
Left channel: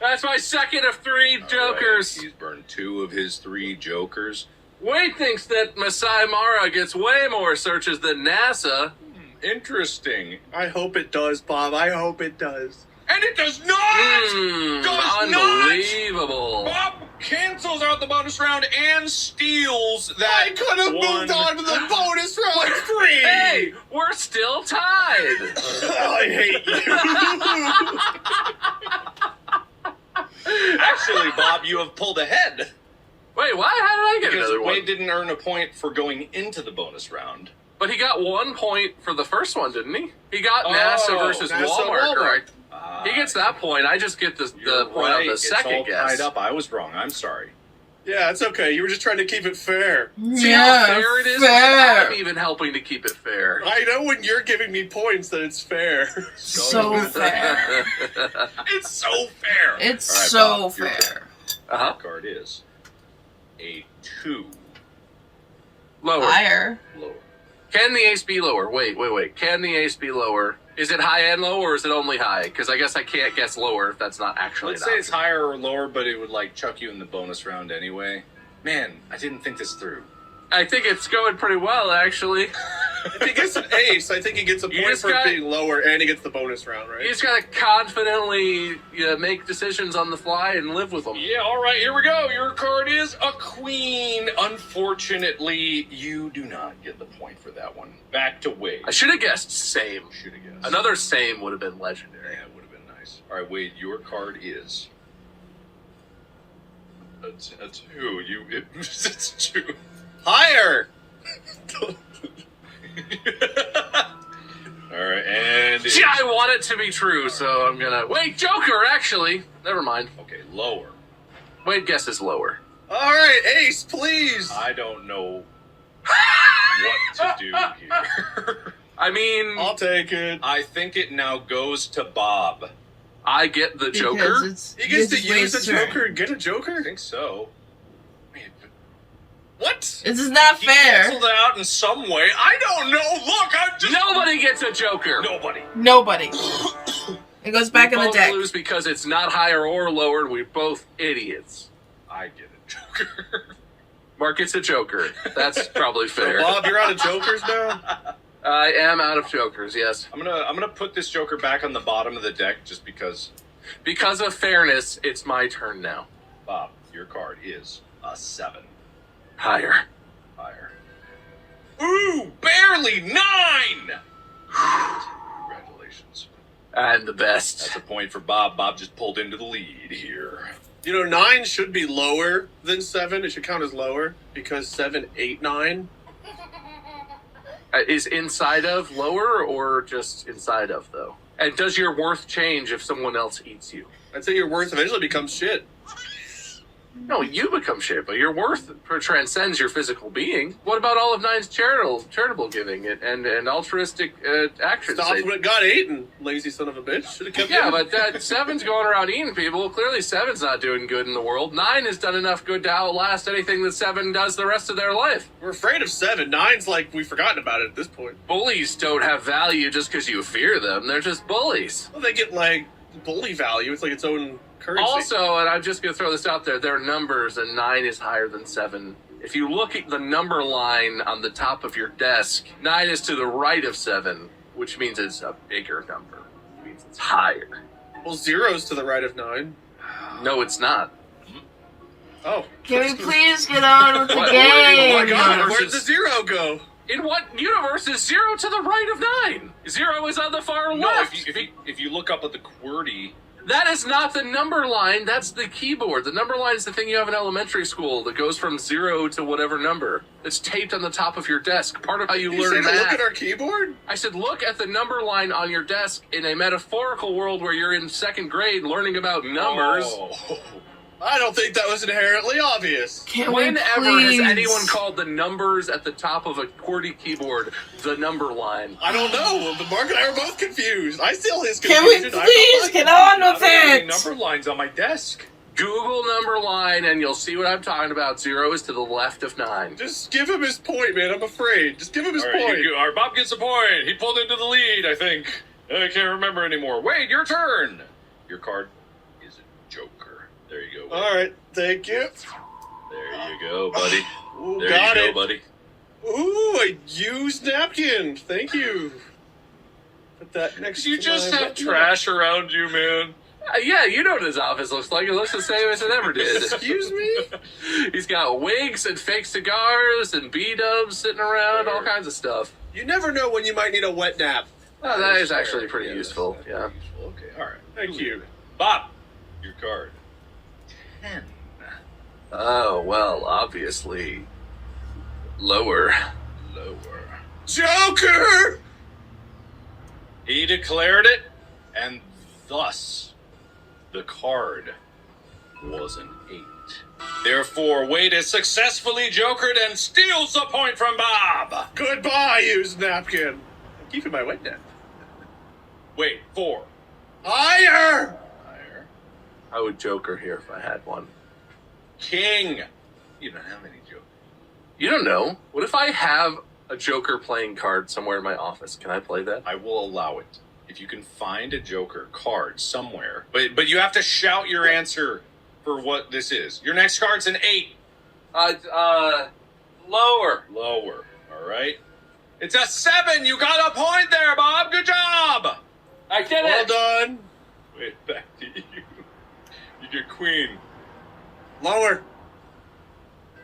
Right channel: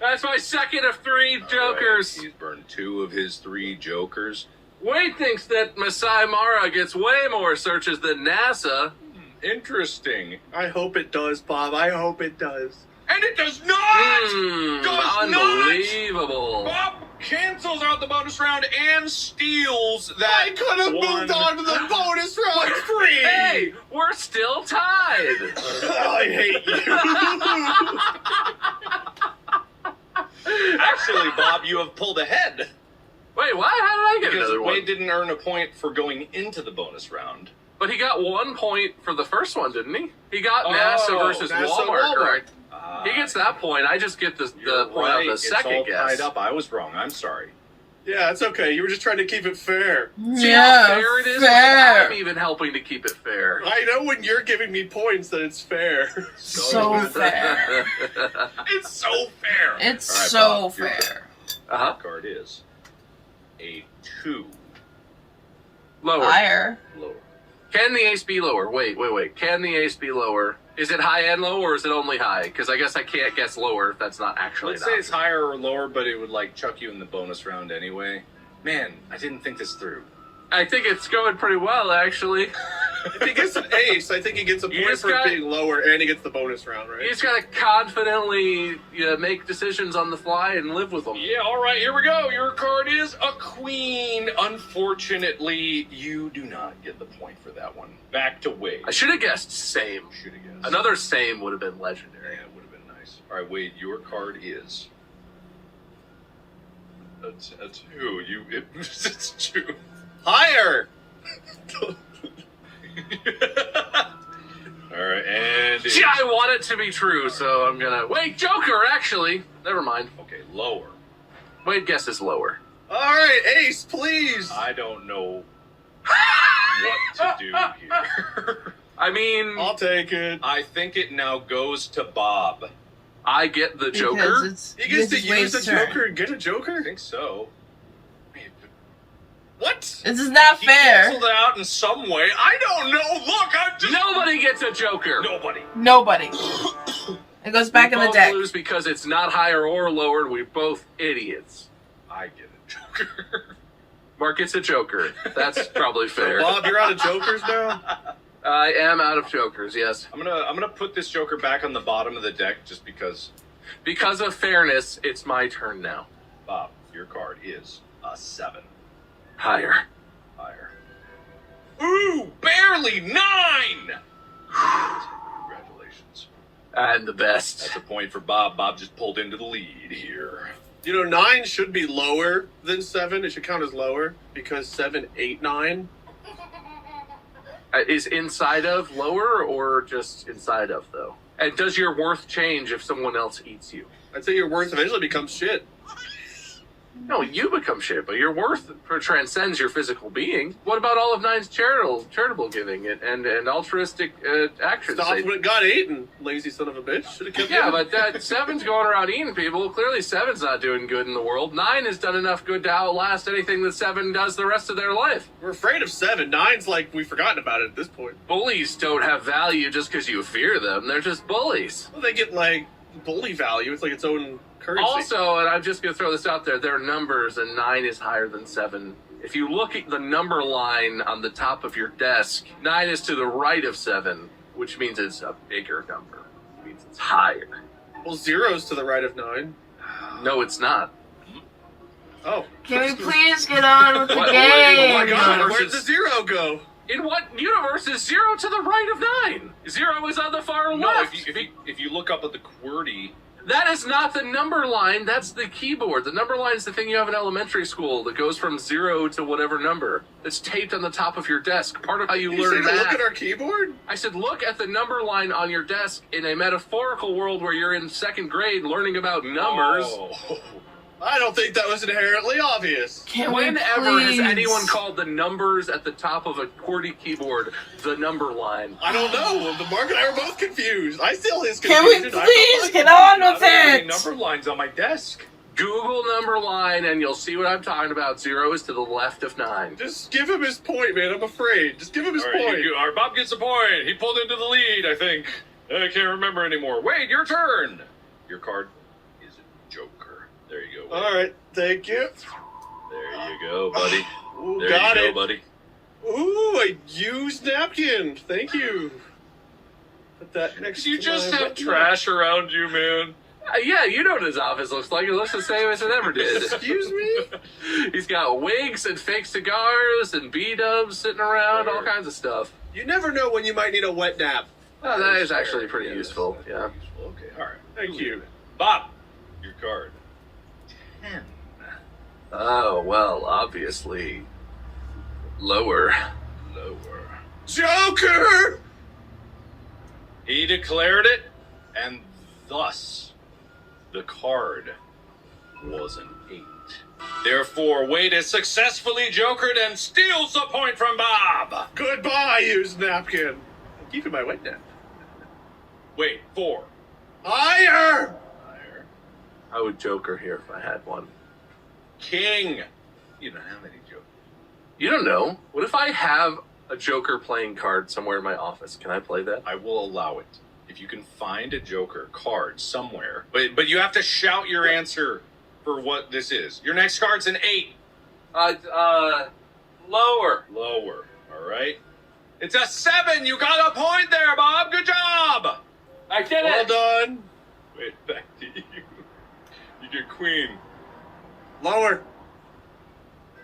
That's my second of 3 jokers. Right, he's burned 2 of his 3 jokers. Wade thinks that Masai Mara gets way more searches than NASA. Interesting. I hope it does, Bob. I hope it does. And it does not! Does Unbelievable. not! Bob cancels out the bonus round and steals that. I could have one. moved on to the bonus round free. Hey, we're still tied. I hate you. Actually, Bob, you have pulled ahead. Wait, why? How did I get Because another one? Wade didn't earn a point for going into the bonus round. But he got 1 point for the first one, didn't he? He got NASA versus NASA, Walmart, correct? Ah, He gets that point. I just get the you're point right. on the It's second all guess. tied up. I was wrong. I'm sorry. Yeah, it's okay. You were just trying to keep it fair. See how Yeah, fair it is? fair. I'm even helping to keep it fair. I know when you're giving me points that it's fair. So fair. It's so fair. It's All right, so Bob, your turn. fair. Uh-huh. Card is a 2. Lower. Higher. Lower. Can the ace be lower? Wait. Can the ace be lower? Is it high and low, or is it only high? Because I guess I can't guess lower if that's not actually Let's an say it's option. higher or lower, but it would like chuck you in the bonus round anyway. Man, I didn't think this through. I think it's going pretty well, actually. If he gets an ace, I think he gets a You point just for got- being lower, and he gets the bonus round, right? You just gotta confidently make decisions on the fly and live with them. Yeah, all right, here we go. Your card is a queen. Unfortunately, you do not get the point for that one. Back to Wade. I should have guessed same. Should have guessed. Another same would have been legendary. Yeah, it would have been nice. All right, Wade, your card is a 2. It's 2. Higher! All right, and See, I want it to be true, so I'm gonna wait. Joker, actually, never mind. okay, lower. Wade guesses lower. All right, ace, please. I don't know what to do here. I mean, I'll take it. I think it now goes to Bob. I get the Because Joker. it's He gets to it's use Wade's a turn. joker and get a I joker? think so. What? This is not He fair. canceled it out in some way. I don't know. Look, I'm just Nobody gets a Joker. nobody. Nobody. It goes back we in the both deck. lose because it's not higher or lower. We're both idiots. I get a Joker. Mark gets a joker. That's probably fair. Bob, you're out of jokers now? I am out of jokers, yes. I'm gonna put this joker back on the bottom of the deck just because. Because of fairness, it's my turn now. Bob, your card is a 7. Higher. Higher. Ooh, barely 9! Congratulations. I'm the best. That's a point for Bob. Bob just pulled into the lead here. You know, 9 should be lower than 7. It should count as lower because 7, 8, 9. Is inside of lower or just inside of, though? And does your worth change if someone else eats you? I'd say your worth eventually becomes shit. No, you become shit, but your worth transcends your physical being. What about all of Nine's charitable giving and altruistic actions? Stopped when it got eaten, lazy son of a bitch. Should have kept Yeah, it. but that 7's going around eating people. Clearly 7's not doing good in the world. 9 has done enough good to outlast anything that 7 does the rest of their life. We're afraid of 7. 9's like we've forgotten about it at this point. Bullies don't have value just because you fear them. They're just bullies. Well, they get like bully value. It's like its own currency. Also, and I'm just going to throw this out there, there are numbers, and 9 is higher than 7. If you look at the number line on the top of your desk, 9 is to the right of 7, which means it's a bigger number. It means it's higher. Well, 0's to the right of 9. No, it's not. Oh. Can we please get on with the What- game? Oh my god, Universe where'd is- the 0 go? In what universe is 0 to the right of 9? 0 is on the far No, left. if you look up at the QWERTY, That is not the number line. That's the keyboard. The number line is the thing you have in elementary school that goes from 0 to whatever number. It's taped on the top of your desk. Part of how you You learn say to math. look at our keyboard? I said, look at the number line on your desk in a metaphorical world where you're in 2nd grade learning about numbers. Oh. I don't think that was inherently obvious. Can we Whenever please? has anyone called the numbers at the top of a QWERTY keyboard the number line? I don't know. The Mark and I are both confused. I still his Can we confusion. please get on with Any it? number lines on my desk. Google number line and you'll see what I'm talking about. 0 is to the left of 9. Just give him his point, man. I'm afraid. Just give him his All right, point. all right, Bob gets a point. He pulled into the lead, I think. I can't remember anymore. Wade, your turn. Your card is a joker. There you go, Wade. All right, thank you. There you go, buddy. Ooh, There got you go, it. buddy. Ooh, a used napkin. Thank you. Put that next You to just my have button. trash around you, man. Yeah, you know what his office looks like. It looks the same as it ever did. Excuse me? He's got wigs and fake cigars and B-dubs sitting around, all kinds of stuff. You never know when you might need a wet nap. Oh, that is fair. actually pretty Yeah, useful, that's yeah. useful. Okay, all right. Thank you. Bob, your card. 10. Oh, well, obviously, lower. Lower. Joker! He declared it, and thus the card was an 8. Therefore, Wade is successfully jokered and steals the point from Bob. Goodbye, used napkin. I'm keeping my wet nap. Wait, 4. Higher! Higher. I would joker here if I had one. King. You don't have any jokers. You don't know. What if I have a joker playing card somewhere in my office? Can I play that? I will allow it. If you can find a joker card somewhere, but you have to shout your answer for what this is. Your next card's an 8. Lower. Lower. All right. It's a 7. You got a point there, Bob. Good job. I did Well it. done. Wait, back to you. You get queen. Lower.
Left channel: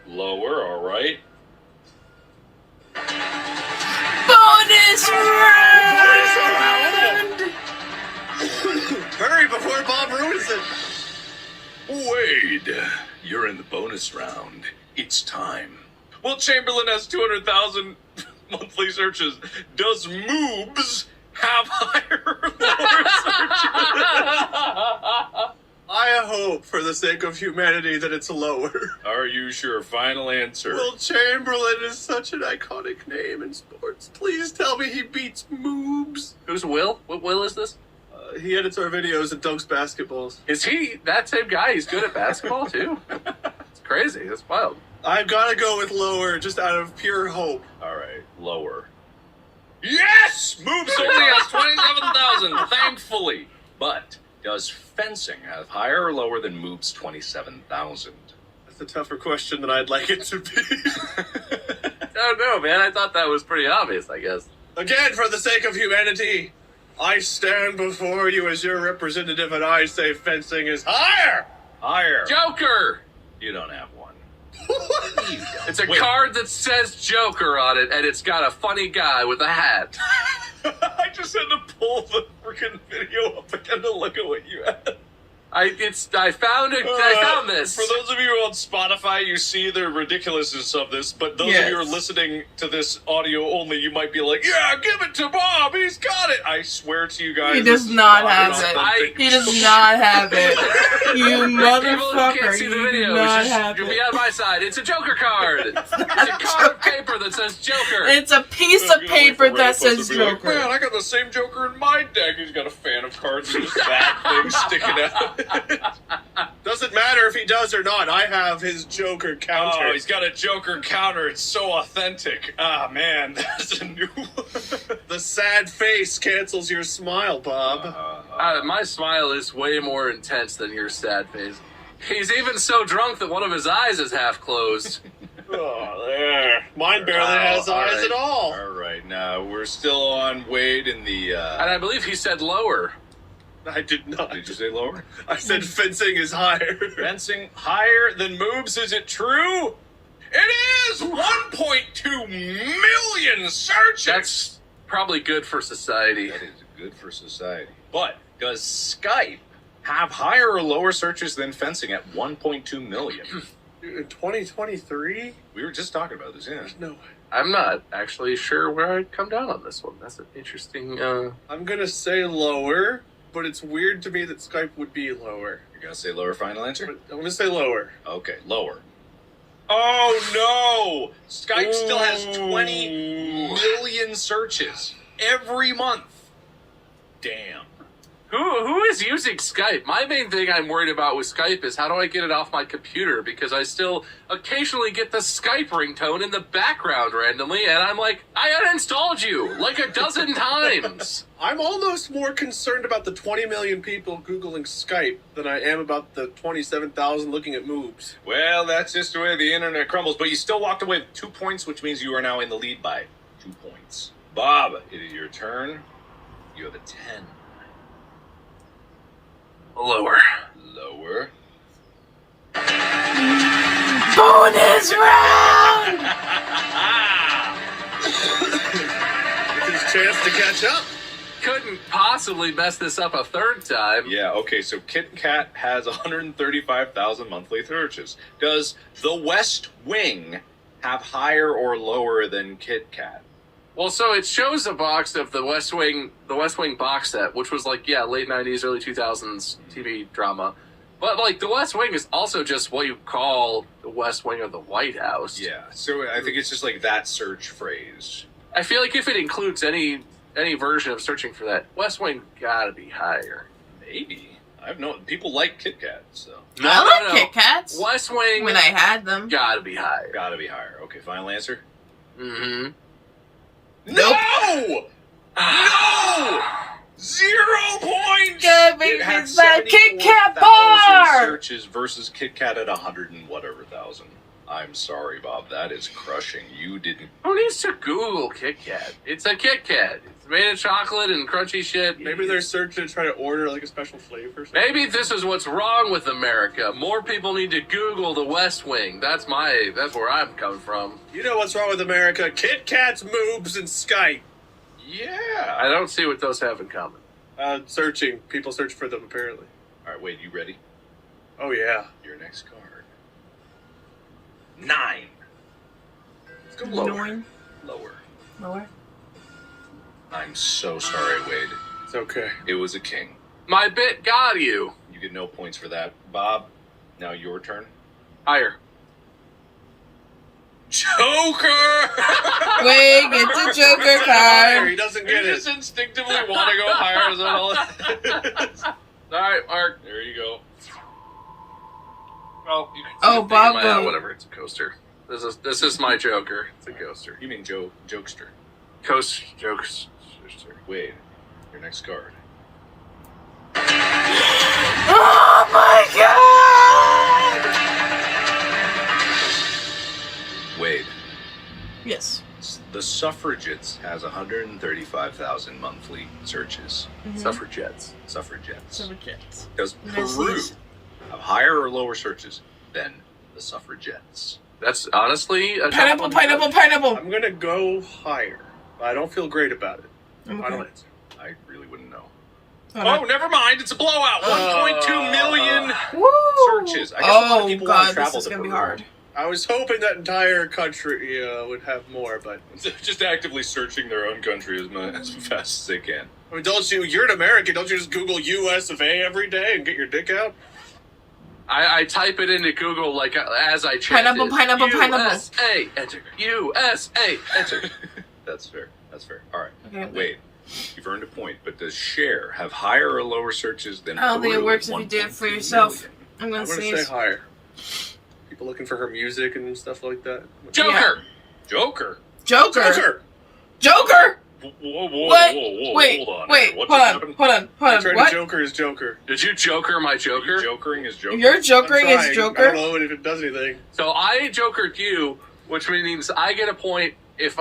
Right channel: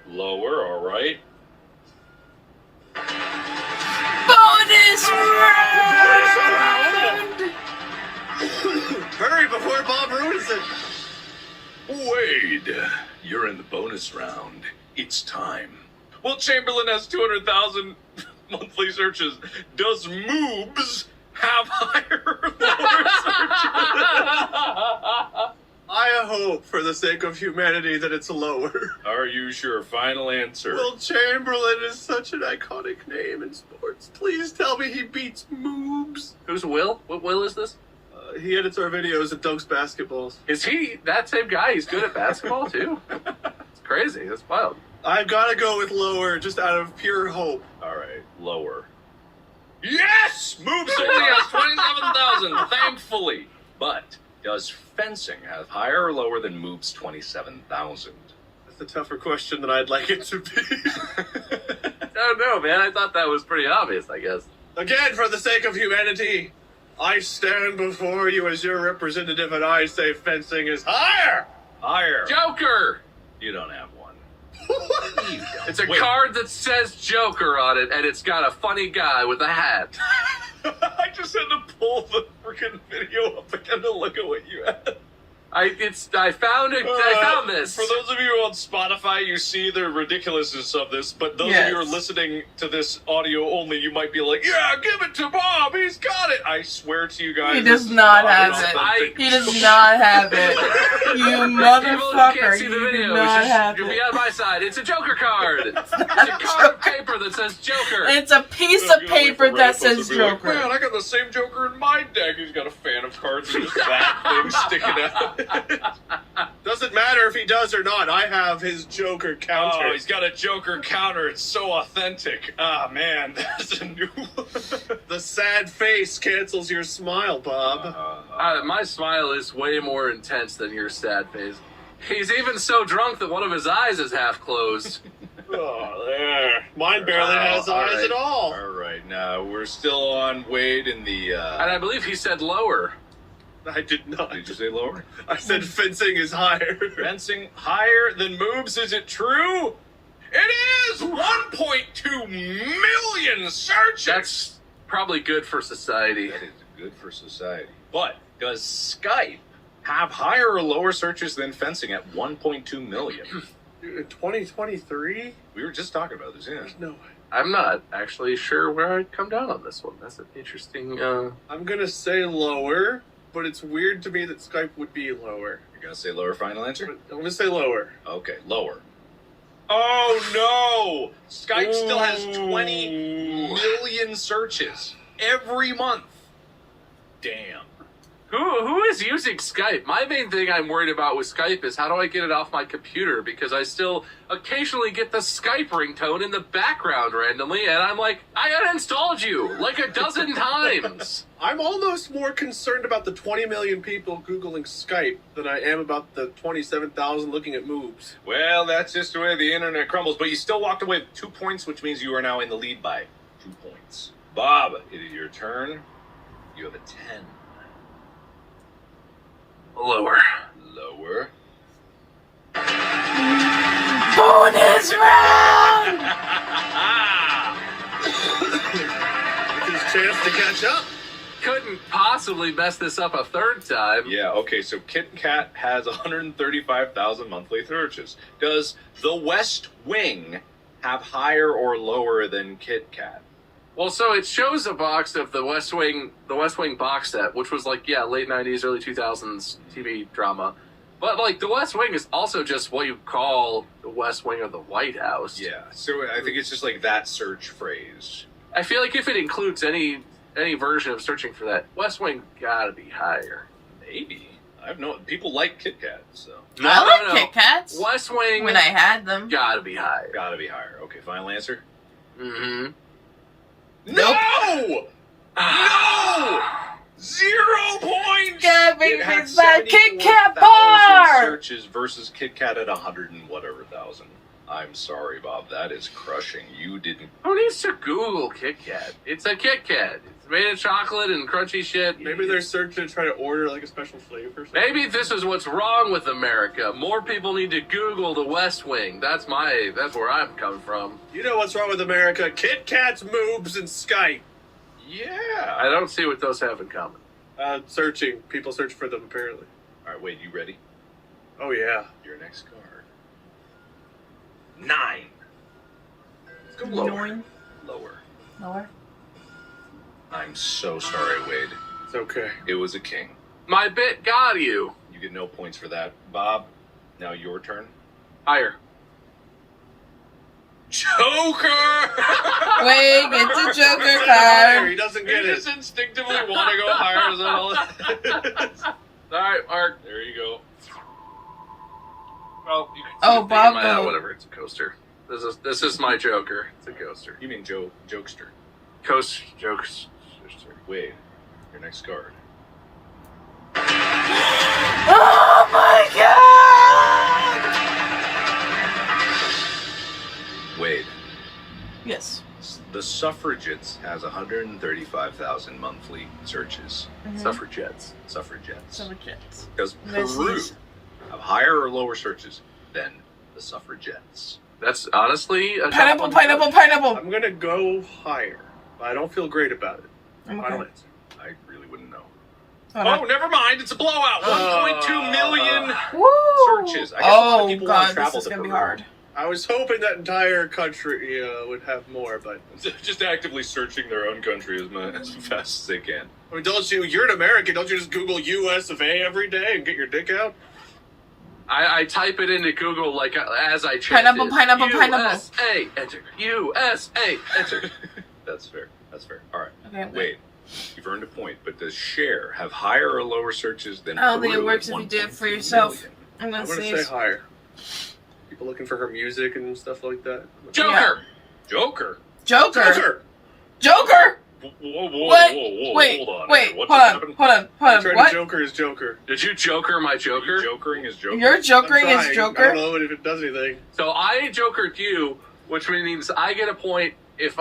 Lower. All right. Bonus round! Hurry before Bob ruins it. Wade, you're in the bonus round. It's time. Well, Chamberlain has 200,000 monthly searches. Does Moobs have higher or lower searches? I hope, for the sake of humanity, that it's lower. Are you sure? Final answer. Will Chamberlain is such an iconic name in sports. Please tell me he beats Moobs. Who's Will? What Will is this? He edits our videos and dunks basketballs. Is he that same guy? He's good at basketball, too? It's crazy. That's wild. I've got to go with lower, just out of pure hope. All right, lower. Yes! Moobs only has 27,000, thankfully. But does fencing have higher or lower than Moob's 27,000? It's a tougher question than I'd like it to be. Oh no, man! I thought that was pretty obvious. I guess. Again, for the sake of humanity, I stand before you as your representative, and I say fencing is higher. Higher. Joker. You don't have one. You don't. It's a card that says Joker on it, and it's got a funny guy with a hat. I just had to pull the freaking video up again to look at what you had. I found it. I found this. For those of you on Spotify, you see the ridiculousness of this, but those of you who are listening to this audio only, you might be like, yeah, give it to Bob, he's got it. I swear to you guys. He does not have it. He does not have it. You motherfucker, you do not have You'll be it. on my side. It's a Joker card. It's a card of paper that says Joker. It's a piece of paper that says Joker. Man, I got the same Joker in my deck. He's got a fan of cards and just that thing sticking out. Doesn't matter if he does or not. I have his Joker counter. Oh, he's got a Joker counter. It's so authentic. Ah, man, that's a new one. The sad face cancels your smile, Bob. My smile is way more intense than your sad face. He's even so drunk that one of his eyes is half closed. Oh, there. Mine barely has eyes at all. All right, now we're still on Wade in the... And I believe he said lower. I did not. Did you say lower? I said fencing is higher. Fencing higher than moves, is it true? It is! 1.2 million searches! That's probably good for society. That is good for society. But does Skype have higher or lower searches than fencing at 1.2 million? In 2023? We were just talking about this, yeah. No way. I'm not actually sure where I'd come down on this one. That's an interesting... I'm gonna say lower, but it's weird to me that Skype would be lower. You're gonna say lower final answer? But I'm gonna say lower. Okay, lower. Oh no! Skype still has 20 million searches every month. Damn. Who is using Skype? My main thing I'm worried about with Skype is how do I get it off my computer, because I still occasionally get the Skype ringtone in the background randomly, and I'm like, I uninstalled you like a dozen times. I'm almost more concerned about the 20 million people Googling Skype than I am about the 27,000 looking at moves. Well, that's just the way the internet crumbles, but you still walked away with 2 points, which means you are now in the lead by 2 points. Bob, it is your turn. You have a 10. Lower. Lower. Bonus round! It's his chance to catch up. Couldn't possibly mess this up a third time. Yeah, okay, so Kit Kat has 135,000 monthly searches. Does The West Wing have higher or lower than Kit Kat? Well, so it shows a box of the West Wing box set, which was like, yeah, late 90s, early 2000s TV drama. But, like, the West Wing is also just what you call the West Wing of the White House. Yeah, so I think it's just like that search phrase. I feel like if it includes any version of searching for that, West Wing gotta be higher. Maybe. I have no... People like Kit Kat, so... I like Kit Kats. West Wing... When I had them. Gotta be higher. Gotta be higher. Okay, final answer? Mm-hmm. Nope. No! No! 0 points! God, baby, It had it's that Kit Kat 74,000 bar! searches versus Kit Kat at 100 and whatever thousand. I'm sorry, Bob. That is crushing. You didn't... Who needs to Google Kit Kat? It's a Kit Kat. It's made of chocolate and crunchy shit. Maybe they're searching to try to order like a special flavor or something. Maybe this is what's wrong with America. More people need to Google the West Wing. That's where I'm coming from. You know what's wrong with America? Kit Kats, moobs, and Skype. Yeah. I don't see what those have in common. Searching. People search for them, apparently. All right, wait. You ready? Oh, yeah. Your next card. 9. Let's go lower. Lower. Lower. I'm so sorry, Wade. It's okay. It was a king. My bit got you. You get no points for that. Bob, now your turn. Higher. Joker! Wait, get the Joker Higher, card. he doesn't You get it. just instinctively want to go higher. Is that all? All right, Mark. There you go. Well, Oh, Bob. whatever. It's a coaster. This is my Joker. It's a coaster. You mean Jokester. Jokes. Wade, your next card. Oh my god! Suffragettes has 135,000 monthly searches. Suffragettes. Suffragettes. Suffragettes. Does Peru have higher or lower searches than the Suffragettes? That's honestly a Pineapple. I'm gonna go higher. I don't feel great about it. Okay. I really wouldn't know. Hold on. Never mind. It's a blowout. 1.2 million Woo! searches. I guess a lot of Oh people want to god, travel this is to gonna be Peru. hard. I was hoping that entire country would have more, but Just actively searching their own country as fast as they can. I mean, you're an American, don't you just Google US of A every day and get your dick out? I type it into Google like as I check Pineapple. USA, enter. USA, enter. That's fair. All right. Okay. Wait. You've earned a point, but does Cher have higher or lower searches than I don't think it Peru works at if you do it for 1.2 yourself. million? I'm gonna I'm gonna say say higher. People looking for her music and stuff like that. Joker. Joker. Joker. Whoa, What? Wait, hold on. wait, What hold just on, happened? hold on. What? Joker is Joker. Did you Joker my Joker? Jokering is Joker. You're jokering I'm as trying. I Joker? don't know if it does anything. So I Jokered you, which means I get a point if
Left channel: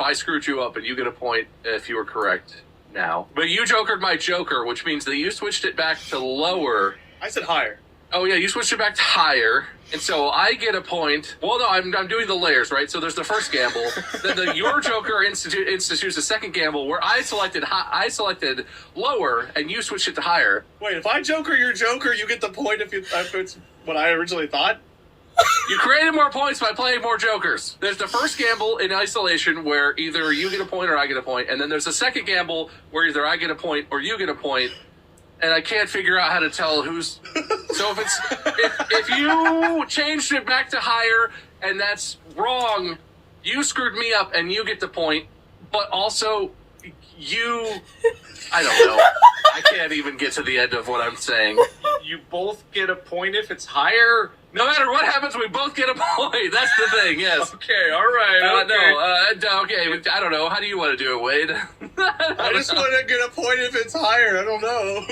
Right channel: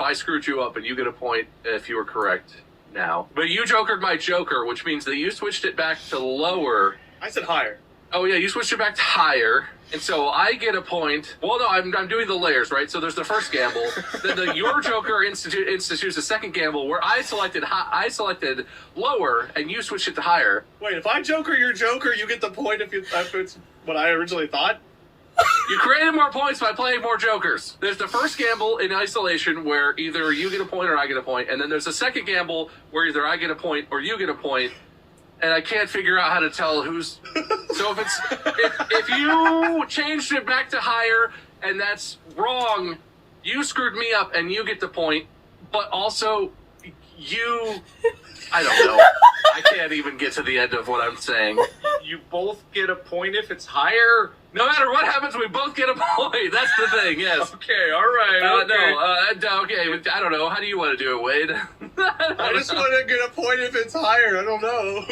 I screwed you up, and you get a point if you were correct now. But you Jokered my Joker, which means that you switched it back to lower. I said higher. Oh yeah, you switched it back to higher, and so I get a point. Well, no, I'm doing the layers, right? So there's the first gamble, then your Joker institutes a second gamble where I selected lower, and you switched it to higher. Wait, if I Joker your Joker, you get the point if it's what I originally thought? You created more points by playing more Jokers. There's the first gamble in isolation where either you get a point or I get a point, and then there's a second gamble where either I get a point or you get a point. And I can't figure out how to tell who's. So if you changed it back to higher and that's wrong, you screwed me up and you get the point. But also, I don't know. I can't even get to the end of what I'm saying. You both get a point if it's higher? No matter what happens, we both get a point. That's the thing. Yes. Okay, all right. Okay. I don't know. How do you want to do it, Wade? I just want to get a point if it's higher. I don't know.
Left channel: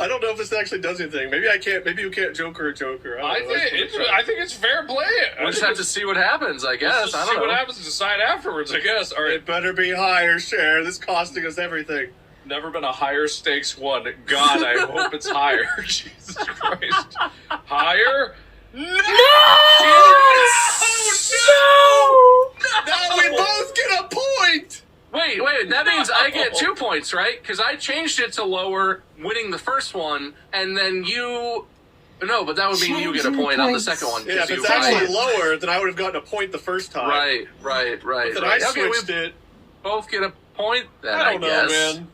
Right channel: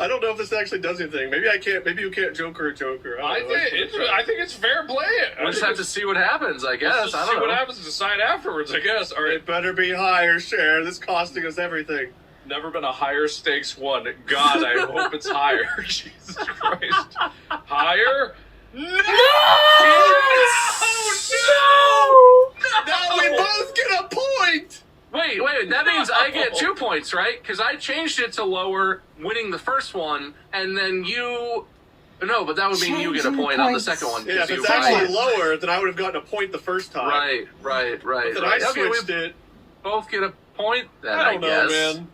I don't know if this actually does anything. Maybe I can't. Maybe you can't Joker a Joker. I think it's fair play. We'll just have to see what happens, I guess. I don't know. See what happens and decide afterwards, I guess. All right. It better be higher, Cher. This is costing us everything. Never been a higher stakes one. God, I hope it's higher. Jesus Christ. Higher? No! Now we both get a point! Wait, that means I get 2 points, right? Because I changed it to lower, winning the first one, and then you... No, but that would mean you get a point on the second one. Yeah, if it's actually lower, then I would have gotten a point the first time. Right. Then I switched it. Both get a point then, I don't know, guess. man.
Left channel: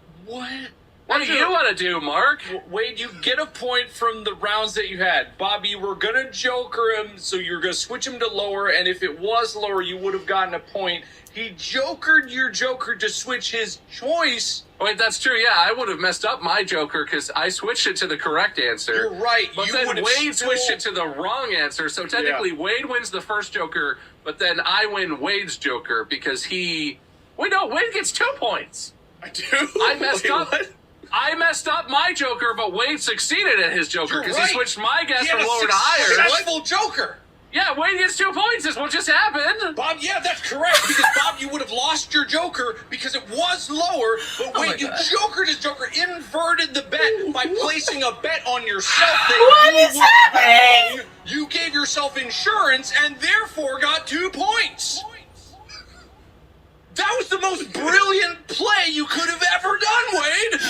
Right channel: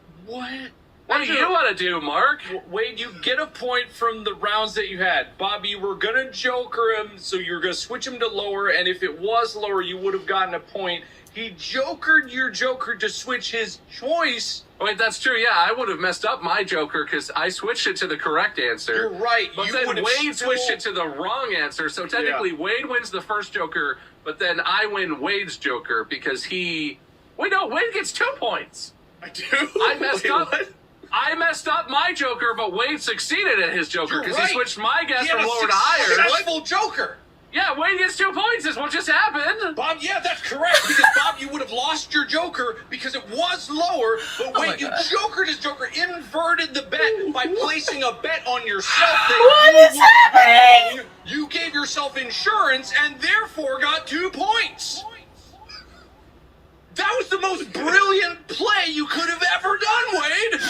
What do you want to do, Mark? Wade, you get a point from the rounds that you had. Bobby, you were going to Joker him, so you're going to switch him to lower, and if it was lower, you would have gotten a point. He Jokered your Joker to switch his choice. Wait, that's true. Yeah, I would have messed up my Joker because I switched it to the correct answer. You're right. But then Wade switched it to the wrong answer, so technically Wade wins the first Joker, but then I win Wade's Joker because he... Wait, no, Wade gets 2 points. I do? I messed up. What? I messed up my Joker, but Wade succeeded at his Joker because he switched my guess He had from a lower to higher. successful Joker. Yeah, Wade gets 2 points is what just happened. Bob, yeah, that's correct, because Bob, you would have lost your Joker because it was lower, but Wade, you Jokered his Joker, inverted the bet by placing a bet on yourself. What is happening? You gave yourself insurance and therefore got 2 points. That was the most brilliant play you could have ever done, Wade.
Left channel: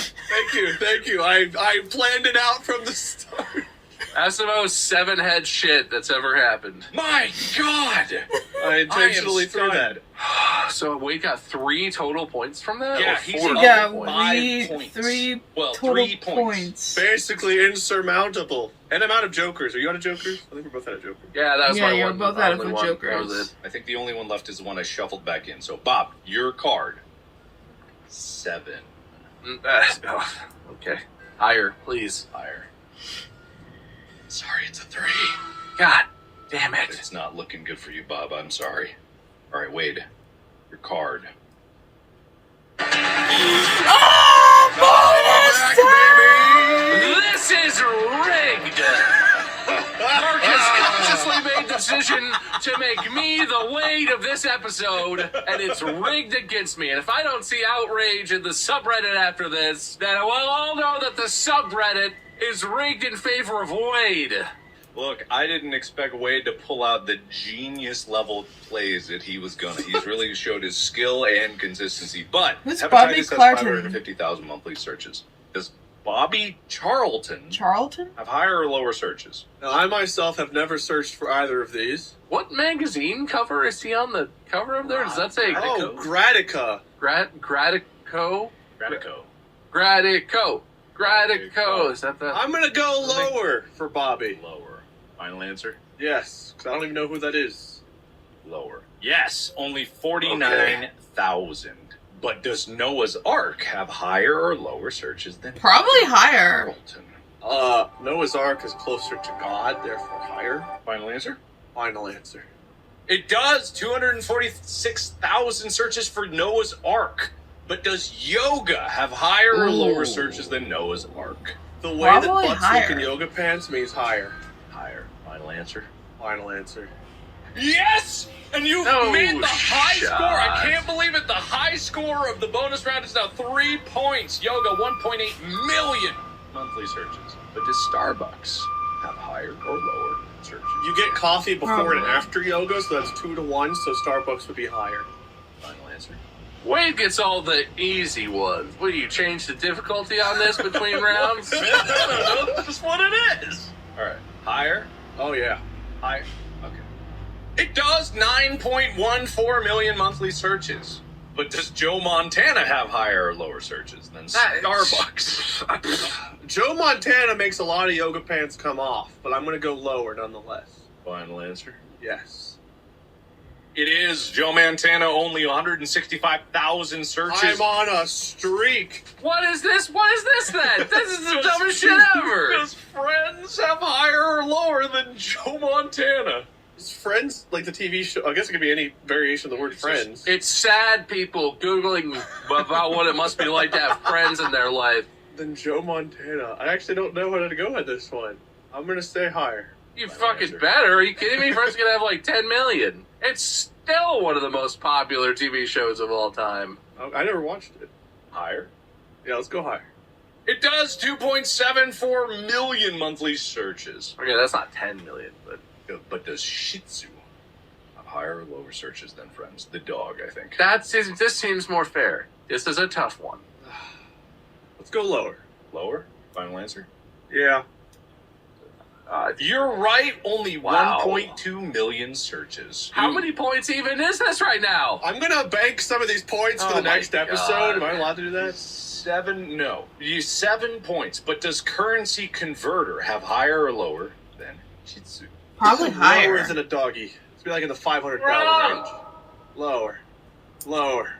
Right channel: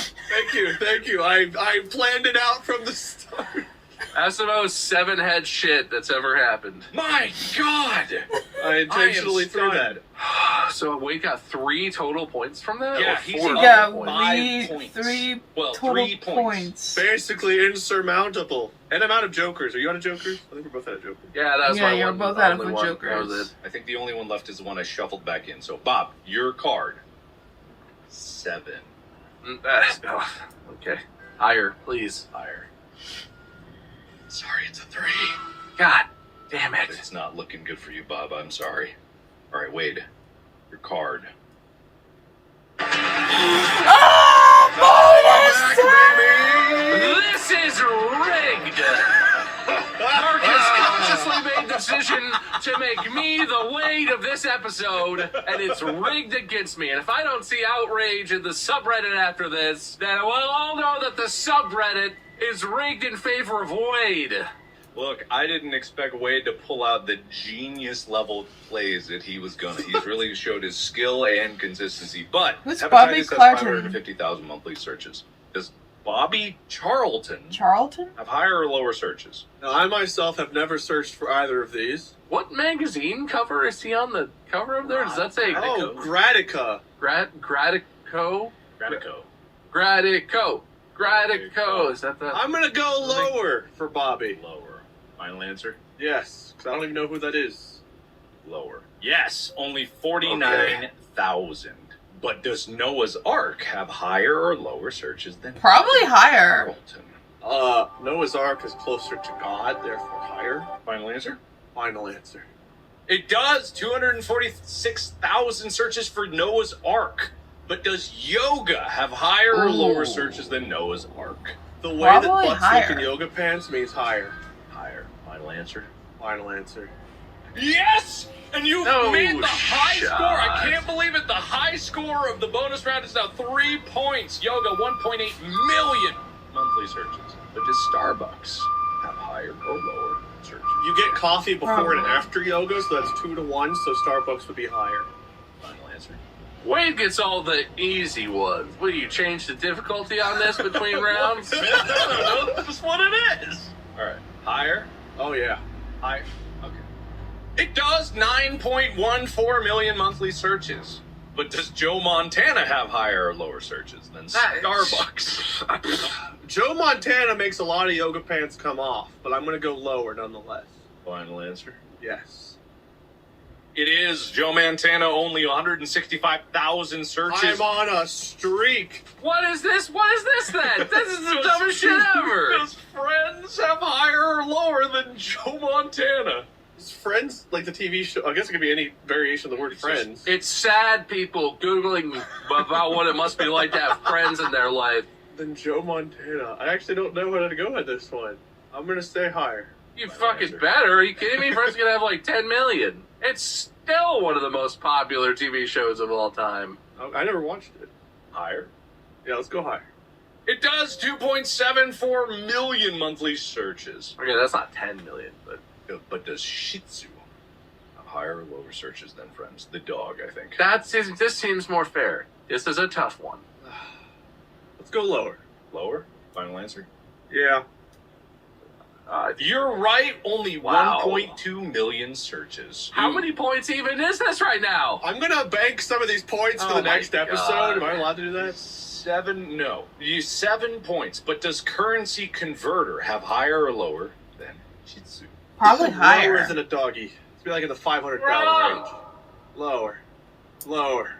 Thank you. I planned it out from the start. That's the most 7-head shit that's ever happened. My God. I intentionally threw that. So Wade got 3 total points from that? Yeah, Or he's 4 Yeah, total points? 5 points. three Well, total 3 points. Basically insurmountable. And I'm out of Jokers. Are you out of Jokers? I think we're both out of Jokers. Yeah, that's Yeah, my you're one. both out of only one. Jokers. That was it. I think the only one left is the one I shuffled back in. So, Bob, your card. 7. Okay. Higher, please. Higher. Sorry, it's a 3. God damn it. It's not looking good for you, Bob. I'm sorry. All right, Wade, your card. This is rigged! Marcus consciously made decision to make me the Wade of this episode, and it's rigged against me. And if I don't see outrage in the subreddit after this, then we'll all know that the subreddit is rigged in favor of Wade. Look, I didn't expect Wade to pull out the genius level plays that he was gonna. He's really showed his skill and consistency. But who's Bobby hepatitis has Clarton? 550,000 monthly searches. Does Bobby Charlton have higher or lower searches? Now, I myself have never searched for either of these. What magazine cover is he on the cover of there? Does that say? Oh, Gradica. Gradico? Gradico. Gradico. Is that the? I'm gonna go lower for Bobby. Lower. Final answer? Yes, because I don't even know who that is. Lower. Yes, only 49,000. But does Noah's Ark have higher or lower searches than Probably higher. Charlton? Noah's Ark is closer to God, therefore higher. Final answer? Final answer. It does. 246,000 searches for Noah's Ark. But does yoga have higher or lower searches than Noah's Ark? The way Probably that butt in yoga pants means higher. Higher. Final answer? Final answer. Yes! And you No made the high shot. score. I can't believe it. The high score of the bonus round is now 3 points. Yoga, 1.8 million monthly searches. But does Starbucks have higher or lower searches? You get coffee before Probably. and after yoga, so that's 2 to 1, so Starbucks would be higher. Final answer? Wade gets all the easy ones. Will you change the difficulty on this between rounds? No, that's just what it is. All right. Higher? Oh, yeah. Higher. Okay. It does 9.14 million monthly searches. But does Joe Montana have higher or lower searches than Starbucks? Joe Montana makes a lot of yoga pants come off, but I'm going to go lower nonetheless. Final answer? Yes. It is. Joe Montana, only 165,000 searches. I'm on a streak. What is this? What is this then? This is the dumbest shit ever. Does Friends have higher or lower than Joe Montana? Is Friends, like the TV show, I guess it could be any variation of the word Friends. It's sad people Googling about what it must be like to have friends in their life. Then Joe Montana. I actually don't know how to go at this one. I'm going to stay higher. You fucking better. Are you kidding me? Friends gonna have like 10 million. It's still one of the most popular TV shows of all time. I never watched it. Higher? Yeah, let's go higher. It does 2.74 million monthly searches. Okay, that's not 10 million, but does Shih Tzu have higher or lower searches than Friends? The dog, I think. this seems more fair. This is a tough one. Let's go lower. Lower? Final answer? Yeah. You're right. Only Wow. 1.2 million searches. How many points even is this right now? I'm going to bank some of these points for Oh the my next episode. God. Am I allowed to do that? 7 points. But does Currency Converter have higher or lower than Shih Tzu? Probably Lower higher. than a doggy. It's be like in the $500 range. Lower. Lower.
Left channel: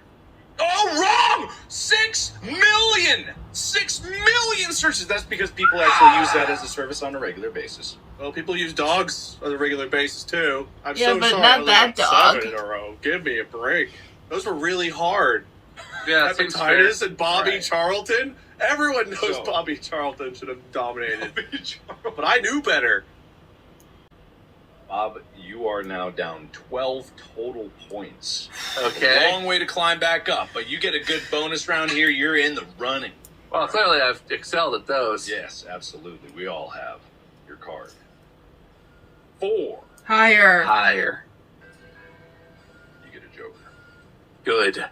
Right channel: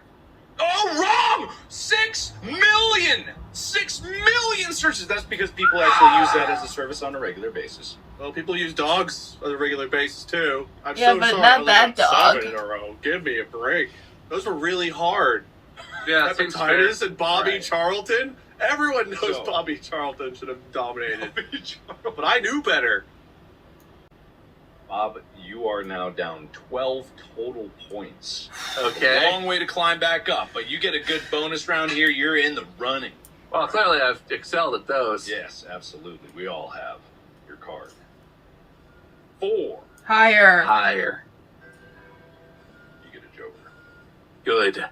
Oh, wrong! 6 million! 6 million searches! That's because people actually use that as a service on a regular basis. Well, people use dogs on a regular basis, too. I'm Yeah, so but sorry. not I only that got dog. 7 in a row. Give me a break. Those were really hard. Yeah, it seems fair. Hepatitis and Bobby Right. Charlton. Everyone knows So- Bobby Charlton should have dominated. But I knew better. Bob, you are now down 12 total points. Okay. Long way to climb back up, but you get a good bonus round here. You're in the running. Well, clearly I've excelled at those. Yes, absolutely. We all have your card. 4. Higher. Higher. You get a joker. Good.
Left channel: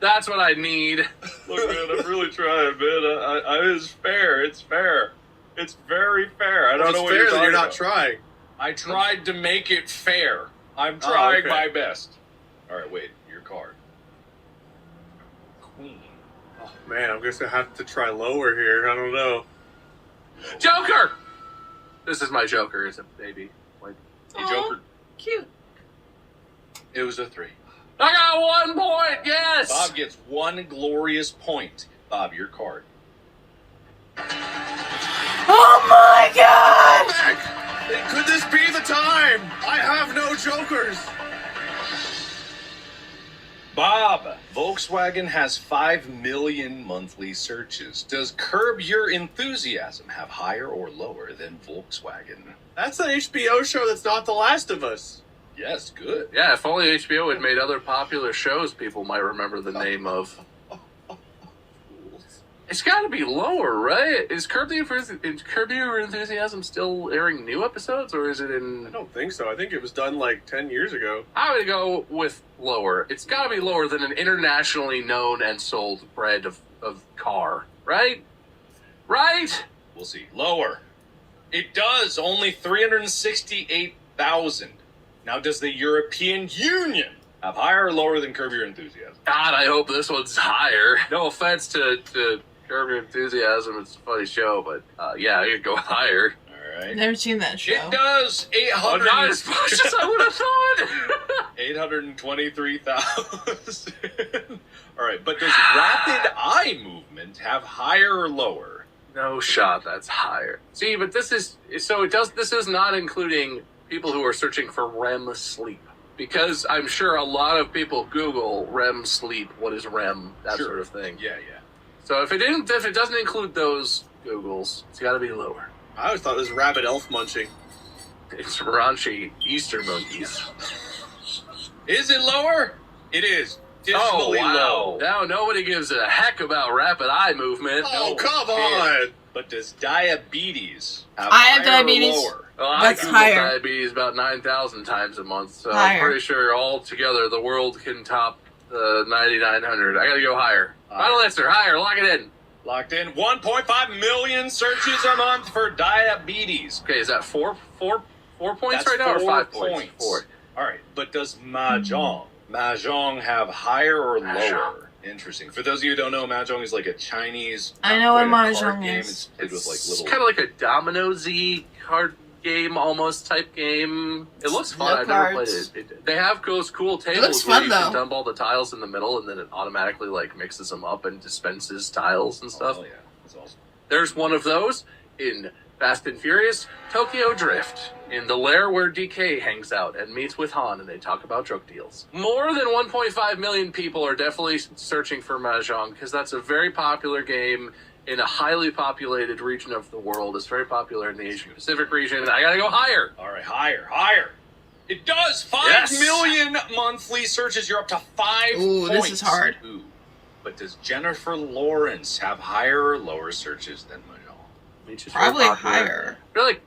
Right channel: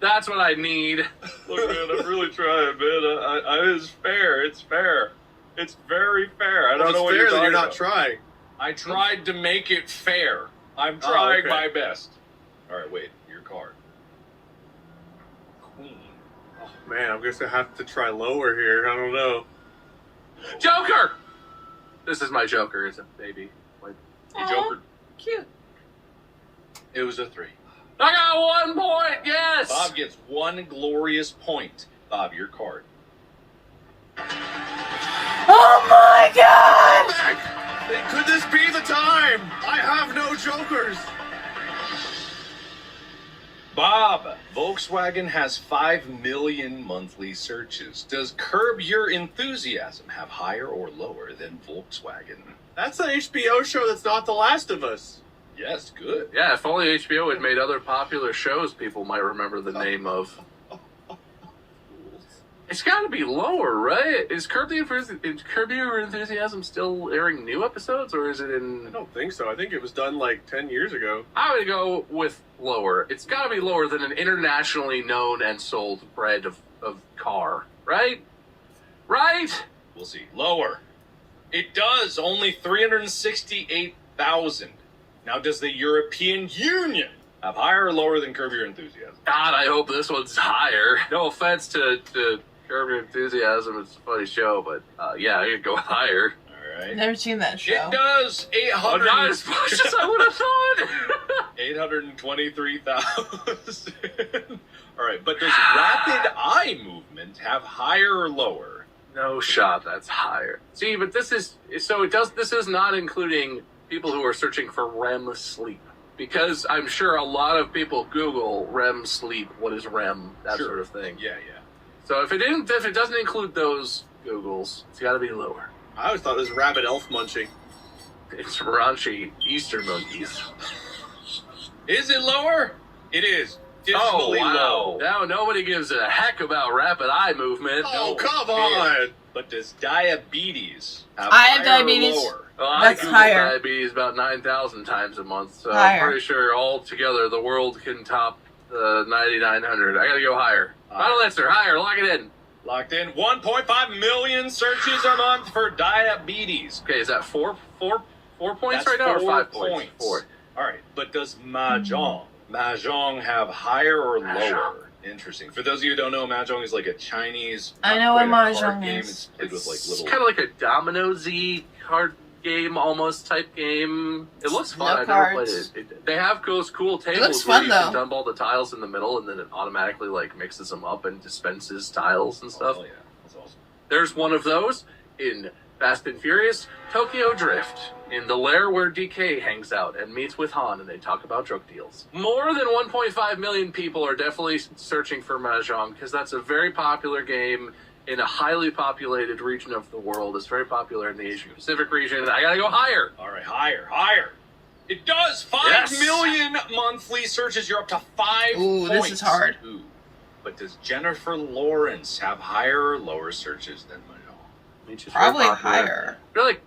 That's what I need. Look, man, I'm really trying, man. It's fair. It's fair. It's very fair. I don't know what you're fair that talking you're not about. trying. I tried to make it fair. I'm trying okay. my best. All right, wait. Your card. Queen. Oh, man, I'm going to have to try lower here. I don't know. Joker! This is my Joker, is it, baby? Like, Hey, Joker. Cute. It was a 3. I got 1 point, yes! Bob gets 1 glorious point. Bob, your card. Oh my god! Could this be the time? I have no jokers. Bob, Volkswagen has 5 million monthly searches. Does Curb Your Enthusiasm have higher or lower than Volkswagen? That's an HBO show that's not The Last of Us. Yes, good. Yeah, if only HBO had made other popular shows people might remember the name of. It's got to be lower, right? Is Curb Your Enthusiasm still airing new episodes, or is it in... I don't think so. I think it was done like 10 years ago. I would go with lower. It's got to be lower than an internationally known and sold brand of car, right? Right? We'll see. Lower. It does. Only 368,000. Now, does the European Union have higher or lower than Curb Your Enthusiasm? God, I hope this one's higher. No offense to Curb Your Enthusiasm, it's a funny show, but yeah, I could go higher. All right. Never seen that show. It does. 800. Not as much as I would have thought. 823,000. All right, but does rapid eye movement have higher or lower? No shot. That's higher. See, but this is so it does. This is not including people who are searching for REM sleep, because I'm sure a lot of people Google REM sleep. What is REM? That Sure. sort of thing. Yeah. So if it doesn't include those Googles, it's got to be lower. I always thought it was rabbit elf munching. It's raunchy Easter monkeys. Is it lower? It is. Dismally low. Now nobody gives a heck about rapid eye movement. Oh, No, come yeah. on! But does diabetes have I have higher or diabetes. lower? Well, That's I Google higher. diabetes about 9,000 times a month, so I'm Higher. pretty sure altogether the world can top the 9,900. I gotta go higher. Final answer, higher. Lock it in. Locked in. 1.5 million searches a month for diabetes. Okay, is that four points That's right now, or 4 5 points? 4. All right, but does Mahjong have higher or Mahjong. lower? Interesting. For those of you who don't know, Mahjong is like a Chinese. I know what not quite a card Mahjong game. is. It's played with like little. It's kind of like a domino-y card game, almost type game. It looks fun. No I've never cards. played it. They have those cool tables looks where fun, you can though. dump all the tiles in the middle, and then it automatically like mixes them up and dispenses tiles and stuff. Oh yeah, that's awesome. There's one of those in Fast and Furious Tokyo Drift, in the lair where DK hangs out and meets with Han, and they talk about drug deals. More than 1.5 million people are definitely searching for Mahjong, because that's a very popular game in a highly populated region of the world. It's very popular in the Asia Pacific region. I gotta go higher. All right, higher. It does. 5 million monthly searches. You're up to 5 Ooh, points. this is hard. Ooh. But does Jennifer Lawrence have higher or lower searches than Mahjong? Which is Probably very popular. higher. I feel like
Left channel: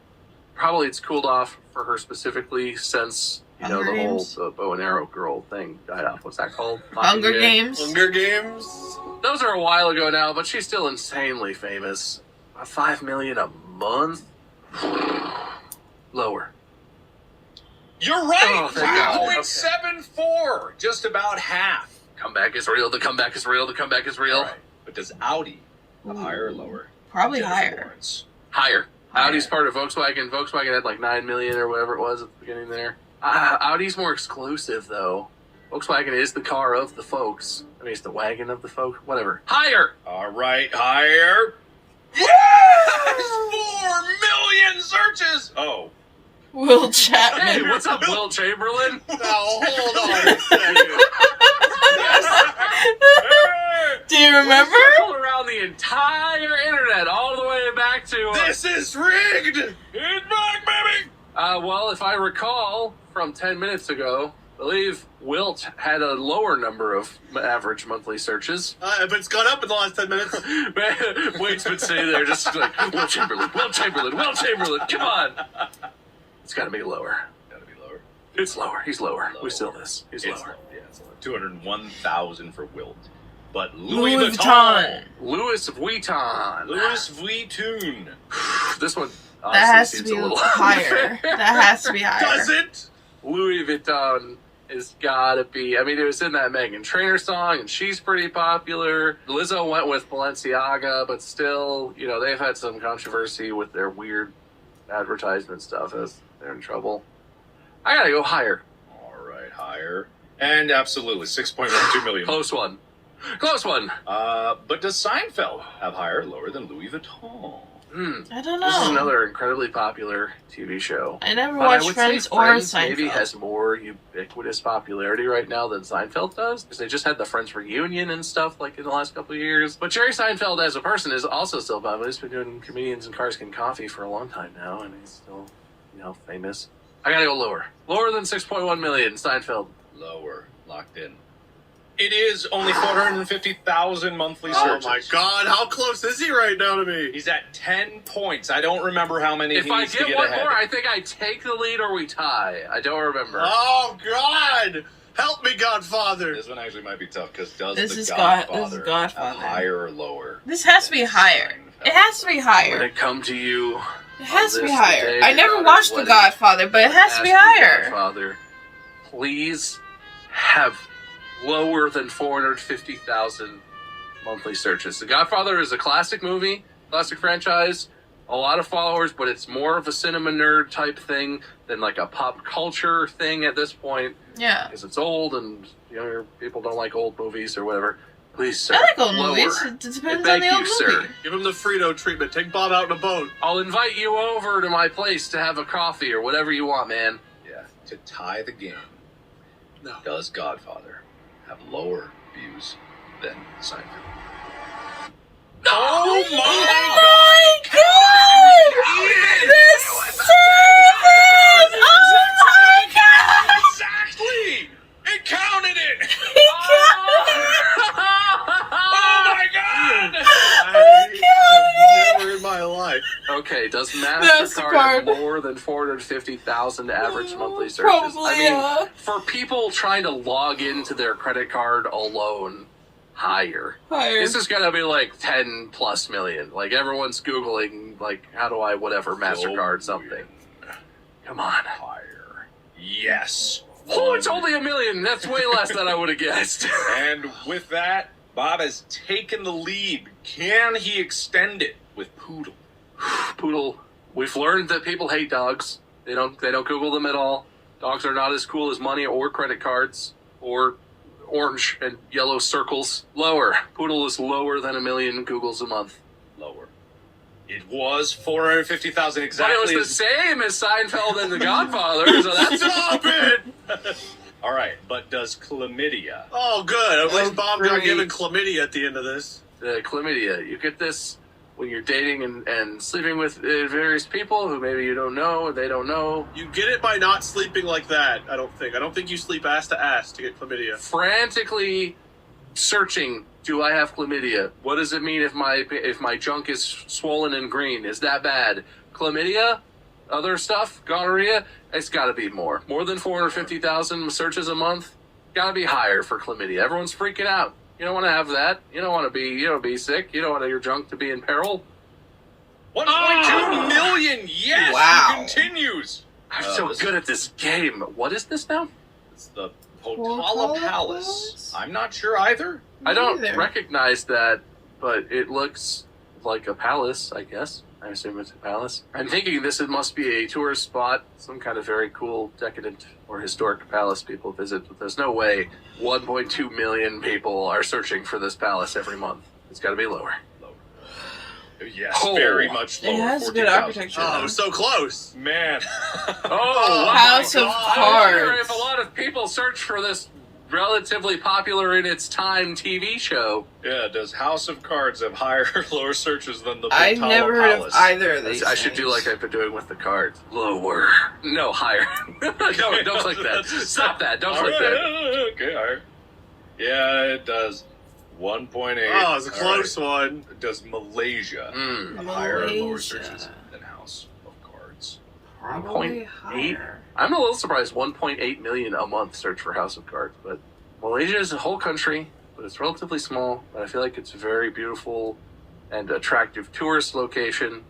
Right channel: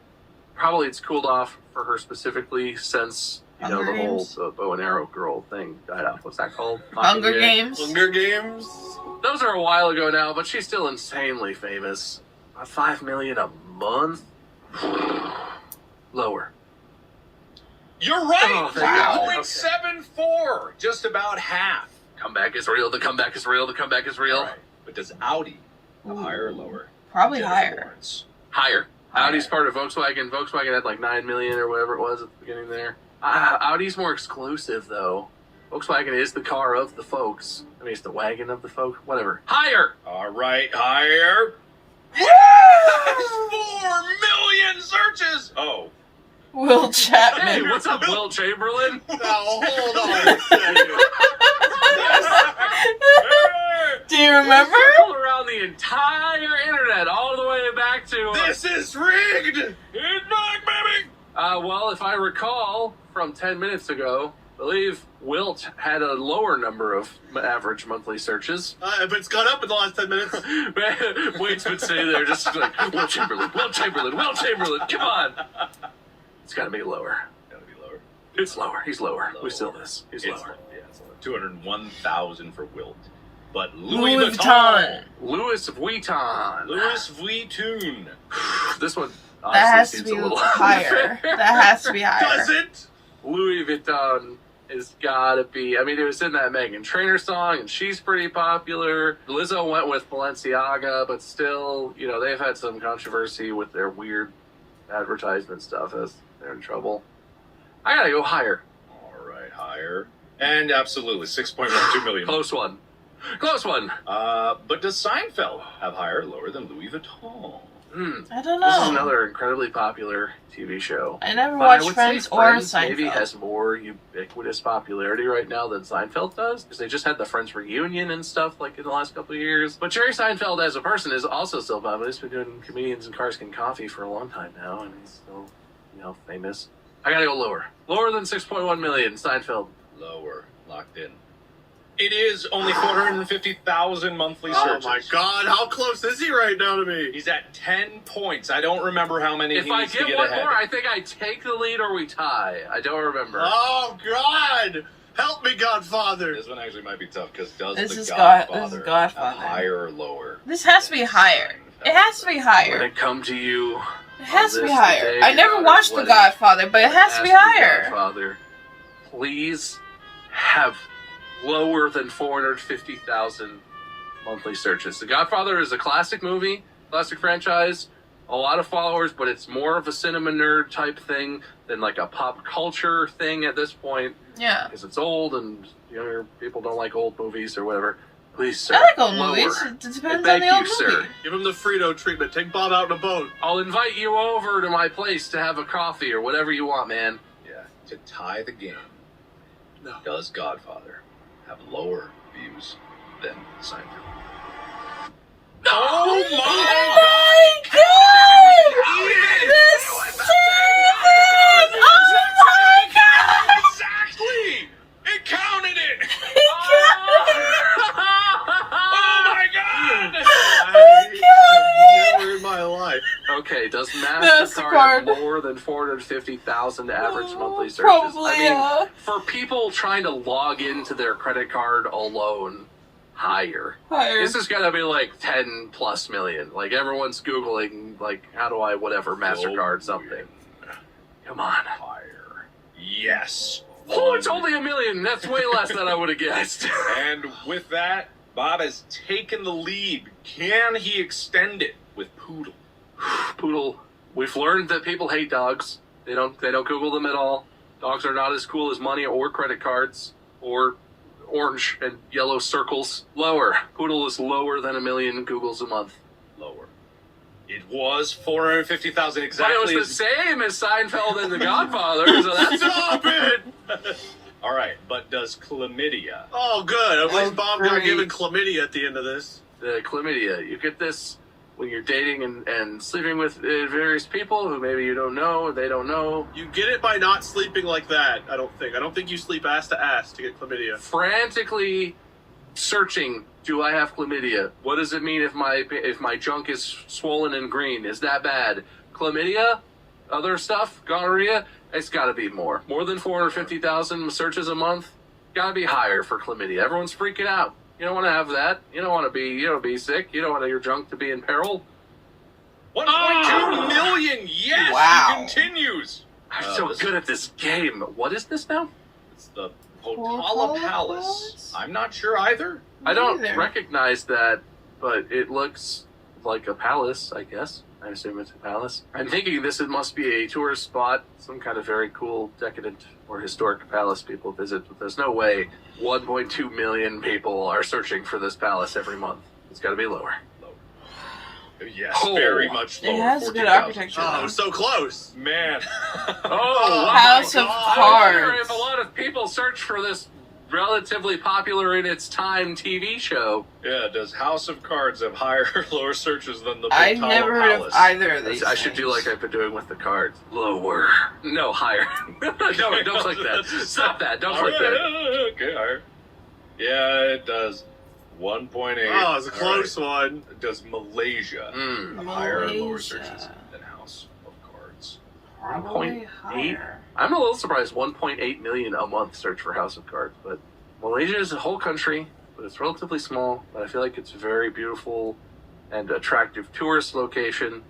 probably it's cooled off for her specifically since, you know, Hunger the whole Games? the bow and arrow girl thing died off. What's that called? Hunger Yeah. Games. Hunger Games? Those are a while ago now, but she's still insanely famous. 5 million a month? Lower. You're right. Oh, thank God. 2.74. Just about half. Comeback is real. The comeback is real. The comeback is real. All right. But does Audi have higher or lower? Probably Jennifer higher. Lawrence. Higher. Higher. Audi's part of Volkswagen. Volkswagen had like 9 million or whatever it was at the beginning there. Audi's more exclusive though. Volkswagen is the car of the folks. I mean, it's the wagon of the folk. Whatever. Higher. All right, higher. Woo! 4 million searches. Oh. Will Chapman. Hey, what's up, Will Chamberlain? Now, hold on a second. Do you remember? All around the entire internet, all the way back to. This is rigged! It's back, baby. Well, if I recall from 10 minutes ago, I believe Wilt had a lower number of average monthly searches. But it's gone up in the last 10 minutes. Wade's been sitting there just like, Will Chamberlain, come on. It's got to be lower. Gotta be lower. It's lower. He's lower. We still this. He's It's lower. Yeah, it's lower. 201,000 for Wilt. But Louis Louis Vuitton. Louis Vuitton. Louis Vuitton. This one That has to seems be a little higher. That has to be higher. Does it? Louis Vuitton has gotta be. I mean, it was in that Meghan Trainor song, and she's pretty popular. Lizzo went with Balenciaga, but still, you know, they've had some controversy with their weird advertisement stuff as they're in trouble. I gotta go higher. All right, higher. And absolutely, 6.12 million. Close one. Close one. But does Seinfeld have higher or lower than Louis Vuitton? I don't know. This is another incredibly popular TV show. I never But watched would Friends say or Friends maybe Seinfeld. has more ubiquitous popularity right now than Seinfeld does, because they just had the Friends reunion and stuff like in the last couple of years. But Jerry Seinfeld as a person is also still popular. He's been doing Comedians and Cars Getting Coffee for a long time now, and he's still, famous. I gotta go lower. Lower than 6.1 million, Seinfeld. Lower. Locked in. It is only 450,000 monthly searches. Oh my god, how close is he right now to me? He's at 10 points. I don't remember how many If he I needs to get get one ahead. more, I think I take the lead or we tie. I don't remember. Oh god! Help me, Godfather! This one actually might be tough because does This the is Godfather, Godfather. have higher or lower? This has to be higher. It has to be When higher. it come to you, It has to be this higher. day, I your never daughter's watched The wedding, Godfather, but it has to be ask you, higher. Godfather, please have lower than 450,000 monthly searches. The Godfather is a classic movie, classic franchise, a lot of followers, but it's more of a cinema nerd type thing than like a pop culture thing at this point, Yeah. because it's old and younger people don't like old movies or whatever. Please, sir. I like old lower. movies. It depends on Thank the old you, movie. sir. Give him the Frito treatment. Take Bob out in a boat. I'll invite you over to my place to have a coffee or whatever you want, man. Yeah, to tie the game. No. Does Godfather have lower views than Seinfeld? Oh Oh my god! The seven! Oh my god! Exactly! It counted it! He counted it! Oh my god! Never in my life. Okay, does MasterCard. MasterCard have more than 450,000 average monthly searches? Probably, I mean, yeah. for people trying to log into their credit card alone, higher. Higher. This is gonna be like 10 plus million. Like everyone's Googling, like, how do I whatever MasterCard something. Come on. Higher. Yes. Oh, it's only 1 million. That's way less than I would have guessed. And with that, Bob has taken the lead. Can he extend it with Poodle? Poodle. We've learned that people hate dogs. They don't Google them at all. Dogs are not as cool as money or credit cards or orange and yellow circles. Lower. Poodle is lower than 1 million Googles a month. Lower. It was 450,000 exactly. But it was the same as Seinfeld and The Godfather, so that's Stop it! All right, but does chlamydia? Oh, good. At least Bob got great. given chlamydia at the end of this. the chlamydia. You get this when you're dating and sleeping with various people who maybe you don't know, they don't know. You get it by not sleeping like that, I don't think. I don't think you sleep ass to ass to get chlamydia. Frantically searching, do I have chlamydia? What does it mean if my junk is swollen and green? Is that bad? Chlamydia? Other stuff? Gonorrhea? It's got to be more. More than 450,000 searches a month? Got to be higher for chlamydia. Everyone's freaking out. You don't want to have that. You don't want to be sick. You don't want your junk to be in peril. 1.2 million. Yes. Wow. He continues. I'm so good at this game. What is this now? It's the Potala Palace. I'm not sure either. I don't either. recognize that, but it looks like a palace, I guess. I assume it's a palace. I'm thinking this must be a tourist spot, some kind of very cool, decadent, or historic palace people visit, but there's no way 1.2 million people are searching for this palace every month. It's got to be lower. Yes, Oh. very much It lower. has good 14,000. architecture. Oh, so close. Man. Oh, House of I wonder Cards. if a lot of people search for this relatively popular in its time TV show. Yeah, does House of Cards have higher or lower searches than the I've Potala never heard of Palace? either of these. I should do like I've been doing with the cards. Lower. No, higher. No, don't click that. Stop that. Don't click that. Okay, higher. Yeah, it does. 1.8. Oh, it's a close All right. one. Does Malaysia Mm. have higher or lower Malaysia. searches than House of Cards? Probably 1.8. higher. I'm a little surprised 1.8 million a month search for House of Cards, but Malaysia is a whole country, but it's relatively small, but I feel like it's a very beautiful and attractive tourist location.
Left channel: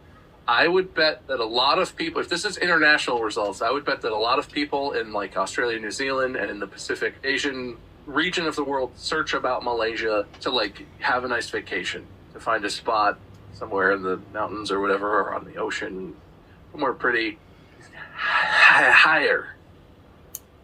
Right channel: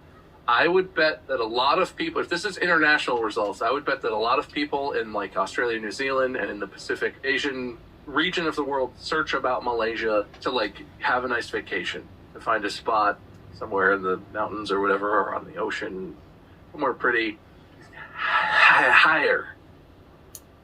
I would bet that a lot of people, if this is international results, I would bet that a lot of people in like Australia, New Zealand, and in the Pacific Asian region of the world search about Malaysia to like have a nice vacation, to find a spot somewhere in the mountains or whatever, or on the ocean, somewhere pretty higher.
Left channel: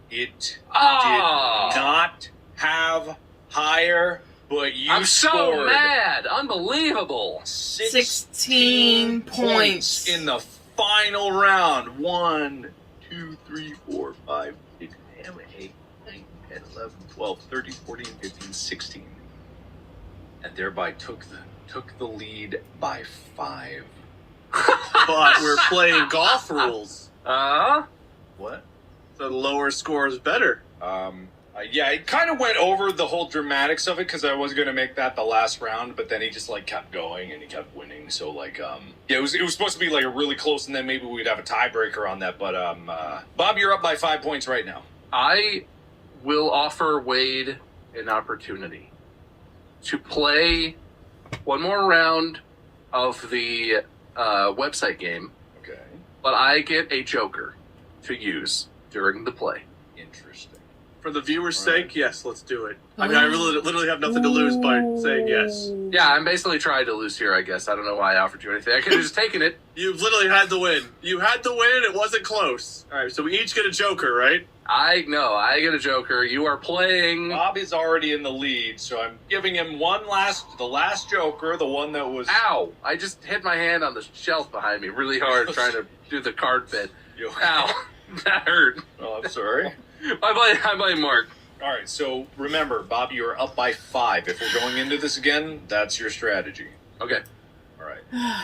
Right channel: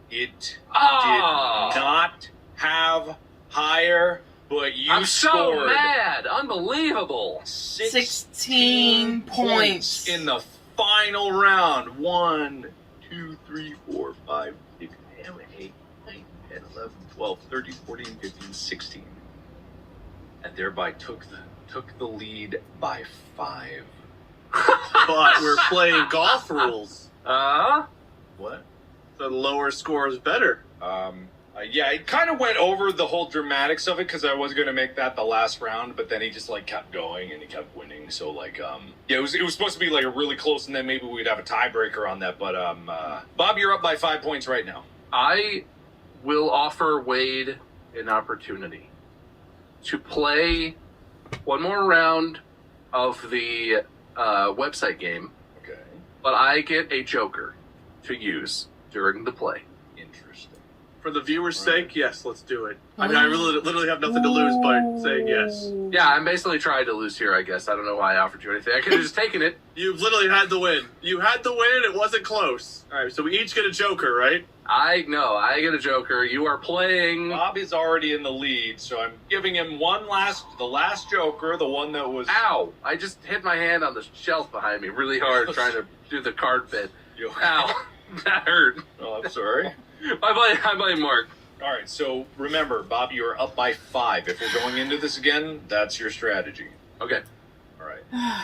It Ah. did not have higher. But you I'm so scored mad. Unbelievable. 16 points in the final round. 1, 2, 3, 4, 5, 6, 7, 8, 9, 10, 11, 12, 13, 14, 15, 16. And thereby took the lead by 5. But we're playing golf rules. What? The lower score is better. Yeah, it kind of went over the whole dramatics of it because I was gonna make that the last round, but then he just like kept going and he kept winning. So like, yeah, it was supposed to be like a really close, and then maybe we'd have a tiebreaker on that. But Bob, you're up by 5 points right now. I will offer Wade an opportunity to play one more round of the website game. Okay. But I get a joker to use during the play. Interesting. For the viewer's sake, yes, let's do it. I mean, I literally have nothing to lose by saying yes. Yeah, I'm basically trying to lose here, I guess. I don't know why I offered you anything. I could have just taken it. You've literally had the win. You had the win, it wasn't close. Alright, so we each get a joker, right? I get a joker. You are playing... Bob is already in the lead, so I'm giving him the last joker, the one that was... Ow! I just hit my hand on the shelf behind me really hard trying to do the card bit. Ow! That hurt. Oh, I'm sorry. I blame Mark. All right, so remember, Bob, you are up by 5. If we're going into this again, that's your strategy. Okay. All right.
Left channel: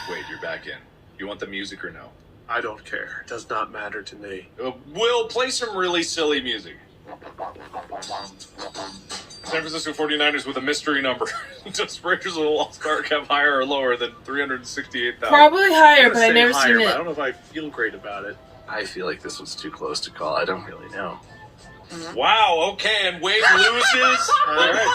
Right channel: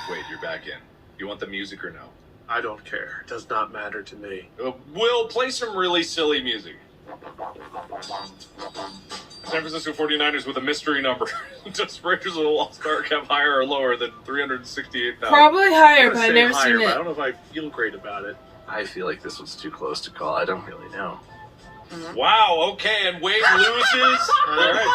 Wait, you're back in. You want the music or no? I don't care. It does not matter to me. We'll play some really silly music. San Francisco 49ers with a mystery number. Does Raiders of the Lost Ark have higher or lower than 368,000? Probably higher, but I've never seen it. I don't know if I feel great about it. I feel like this was too close to call. I don't really know. Wow, okay, and Wade loses. All right.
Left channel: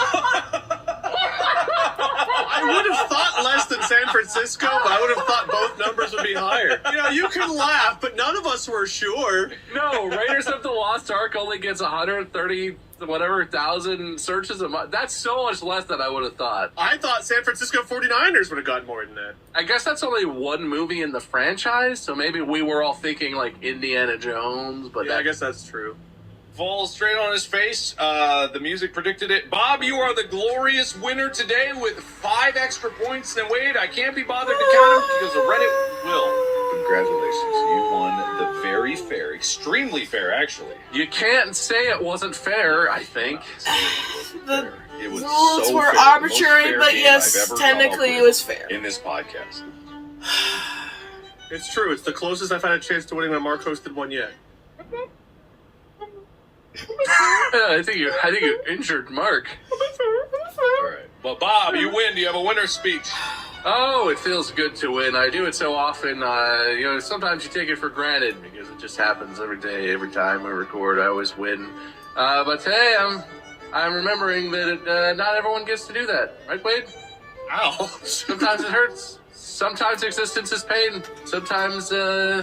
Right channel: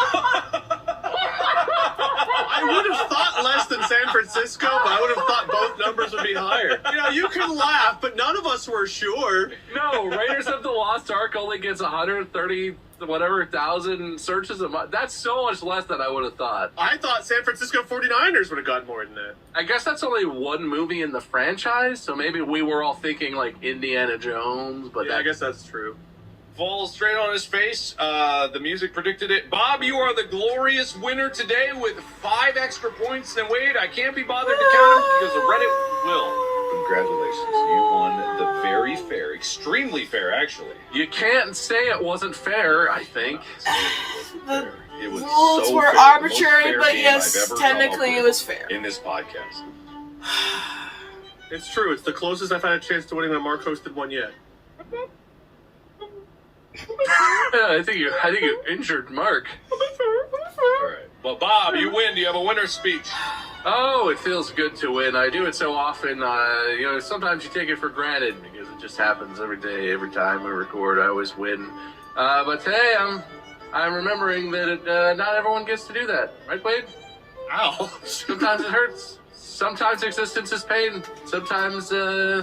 I would have thought less than San Francisco, but I would have thought both numbers would be higher. You know, you can laugh, but none of us were sure. No, Raiders of the Lost Ark only gets 130,000 searches a month. That's so much less than I would have thought. I thought San Francisco 49ers would have gotten more than that. I guess that's only one movie in the franchise, so maybe we were all thinking like Indiana Jones, but yeah, I guess that's true. Falls straight on his face. The music predicted it. Bob, you are the glorious winner today with 5 extra points than Wade. I can't be bothered to count them because Reddit will. Congratulations. You won the very fair, extremely fair, actually. You can't say it wasn't fair, I think. The It was rules so were fair. arbitrary, The most fair but game yes, I've ever technically come it up was fair. with in this podcast. It's true. It's the closest I've had a chance to winning a Mark hosted one yet. I think you injured Mark. All right. Well, Bob, you win. Do you have a winner's speech? Oh, it feels good to win. I do it so often. Sometimes you take it for granted because it just happens every day, every time we record. I always win. But today I'm remembering that not everyone gets to do that, right, Wade? Ow! Sometimes it hurts. Sometimes existence is pain. Sometimes you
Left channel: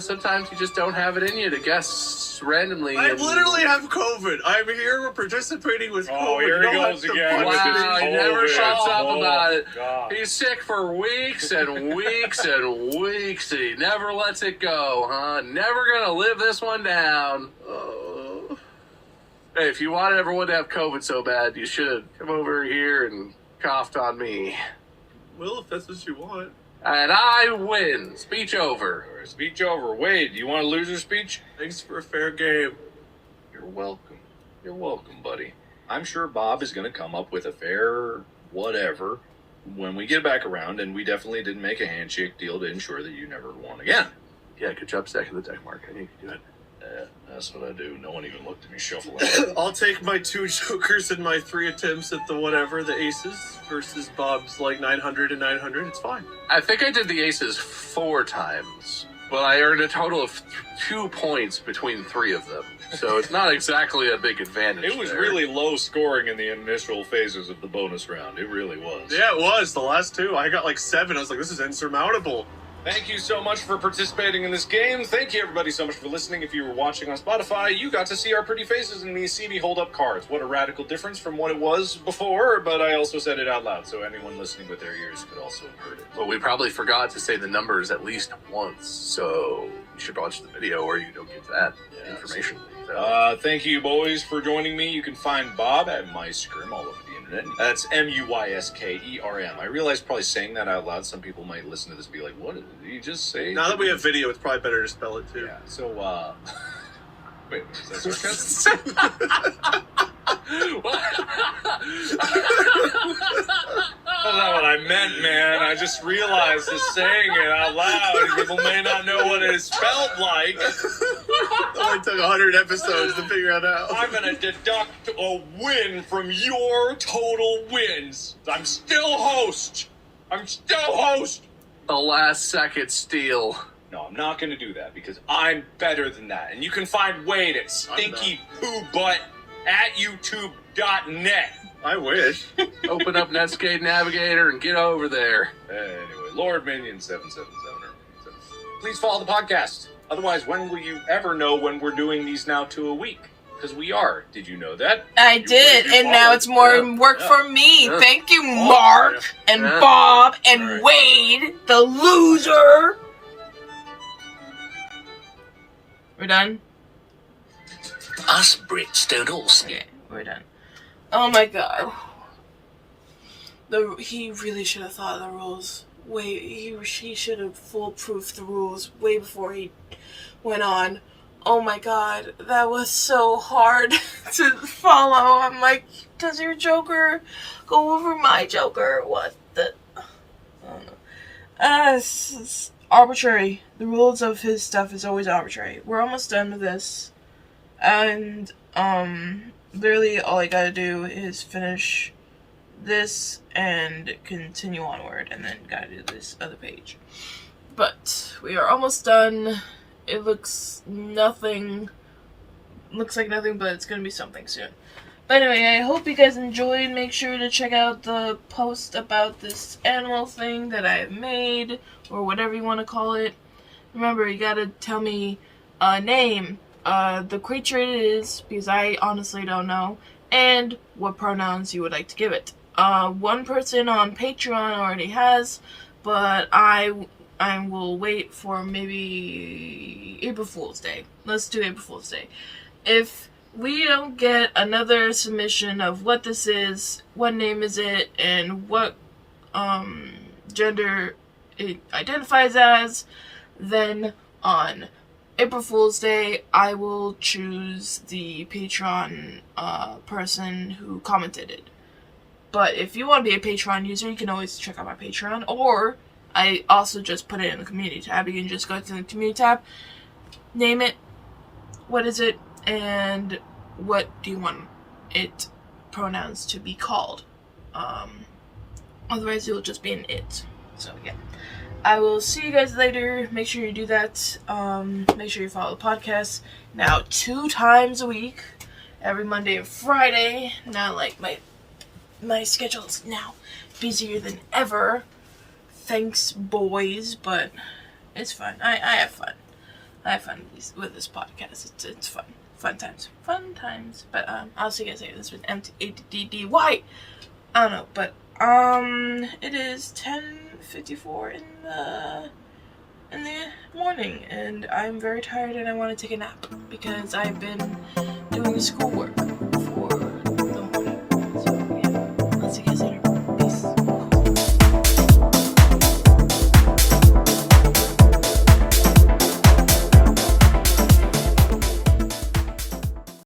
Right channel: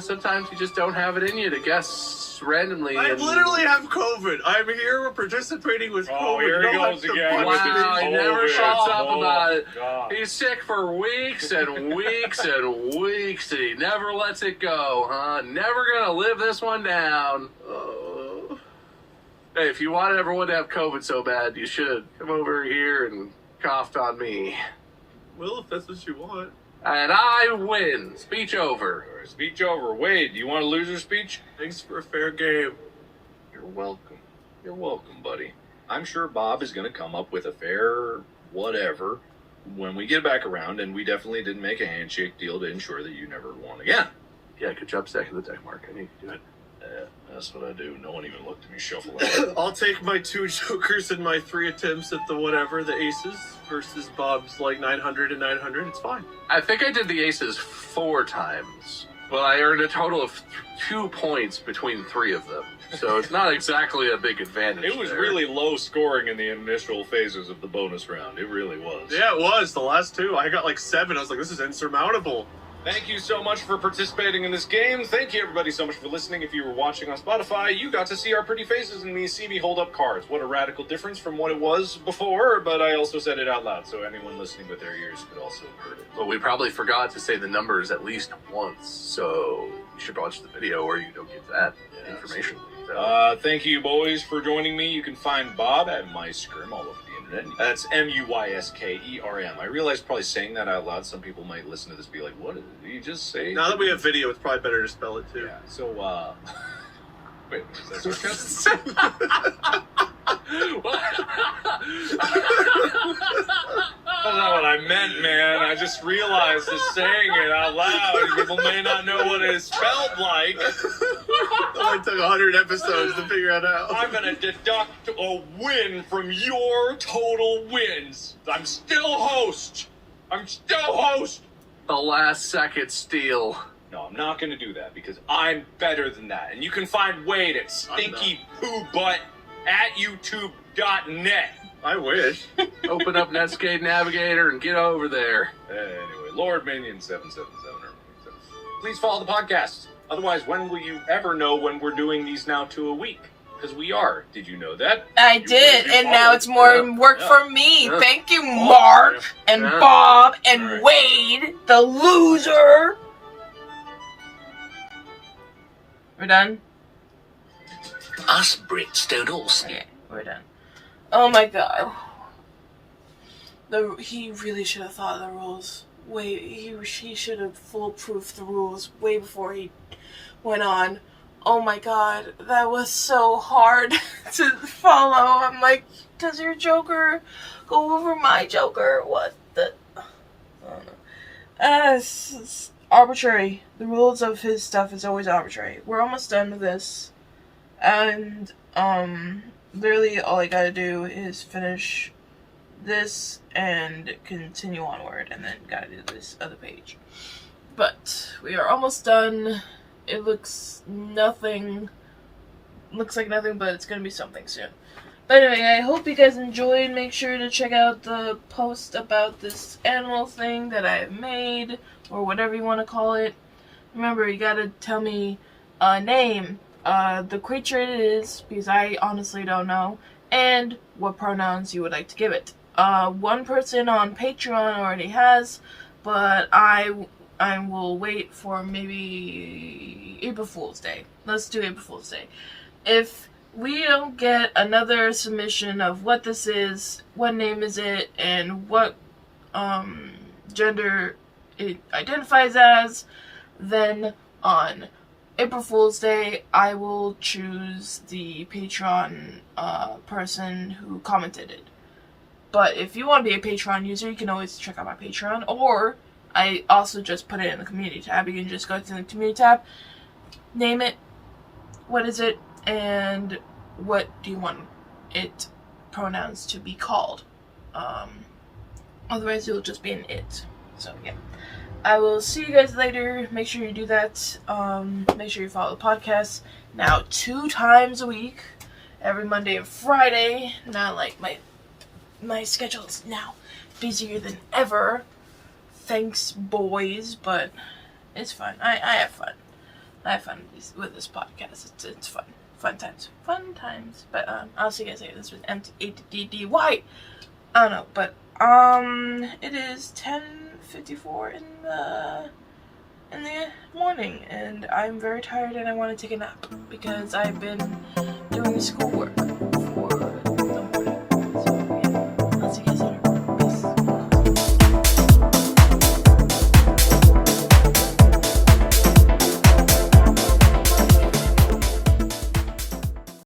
just don't have it in you to guess randomly. I literally have COVID. I'm here participating with COVID. Oh, here he goes again. Wow, he never shuts up about it. God. He's sick for weeks and weeks and weeks, and he never lets it go, huh? Never gonna live this one down. Oh. Hey, if you wanted everyone to have COVID so bad, you should come over here and coughed on me. Well, if that's what you want. And I win. Speech over. All right, speech over. Wade, do you want a loser speech? Thanks for a fair game. You're welcome. You're welcome, buddy. I'm sure Bob is going to come up with a fair whatever when we get back around, and we definitely didn't make a handshake deal to ensure that you never won again. Yeah, good job stacking the deck, Mark. I knew you could do it. That's what I do. No one even looked at me shuffle. I'll take my 2 jokers and my 3 attempts at the whatever, the aces, versus Bob's like 900 and 900. It's fine. I think I did the aces 4 times, but I earned a total of 2 points between 3 of them. So it's not exactly a big advantage. It was there. really low scoring in the initial phases of the bonus round. It really was. Yeah, it was. The last 2, I got like 7. I was like, this is insurmountable. Thank you so much for participating in this game. Thank you, everybody, so much for listening. If you were watching on Spotify, you got to see our pretty faces and see me hold up cards. What a radical difference from what it was before, but I also said it out loud, so anyone listening with their ears could also have heard it. Well, we probably forgot to say the numbers at least once, so you should watch the video or you don't get that information. Thank you, boys, for joining me. You can find Bob at MyScrim all over the internet. That's M-U-Y-S-K-E-R-M. I realize probably saying that out loud, some people might listen to this and be like, what did you just say? Now that we have video, it's probably better to spell it too. Yeah, so, wait, is that That's not what I meant, man. I just realized that saying it out loud, people may not know what it spelled like. It only took 100 episodes to figure it out. I'm gonna deduct a win from your total wins. I'm still host. the last second steal. No, I'm not gonna do that because I'm better than that. And you can find Wade at stinkypoobutt@youtube.net. I wish. Open up Netscape Navigator and get over there. Anyway, Lord Minion 777. Please follow the podcast. Otherwise, when will you ever know when we're doing these now 2 a week? Because we are. Did you know that? I did, and now it's more work for me. Yeah. Thank you, Mark and Bob and Wade, the loser. We're done? Us Brits don't all say. Okay, we're done. Oh my god. He really should have thought of the rules. He should have foolproof the rules way before he went on. Oh my god, that was so hard to follow. I'm like, does your Joker go over my Joker? What the? I don't know. It's arbitrary. The rules of his stuff is always arbitrary. We're almost done with this. And, literally all I gotta do is finish this and continue onward, and then gotta do this other page. But we are almost done. It looks like nothing, but it's gonna be something soon. But anyway, I hope you guys enjoyed. Make sure to check out the post about this animal thing that I have made, or whatever you want to call it. Remember, you gotta tell me a name, the creature it is, because I honestly don't know, and what pronouns you would like to give it. One person on Patreon already has, but I will wait for maybe April Fool's Day. Let's do April Fool's Day. If we don't get another submission of what this is, what name is it, and what gender it identifies as, then on April Fool's Day, I will choose the Patreon person who commented it. But if you want to be a Patreon user, you can always check out my Patreon, or I also just put it in the community tab. You can just go to the community tab, name it, what is it, and what do you want it pronouns to be called. Otherwise, you'll just be an it. So, yeah. I will see you guys later. Make sure you do that. Make sure you follow the podcast. Now, 2 times a week. Every Monday and Friday. Not like my schedule is now busier than ever. Thanks, boys, but it's fun. I have fun. I have fun with this podcast. It's fun. Fun times. But I'll see you guys later. This was M.A.D.D.Y. I don't know, but it is 10:54 in the morning, and I'm very tired and I want to take a nap because I've been doing schoolwork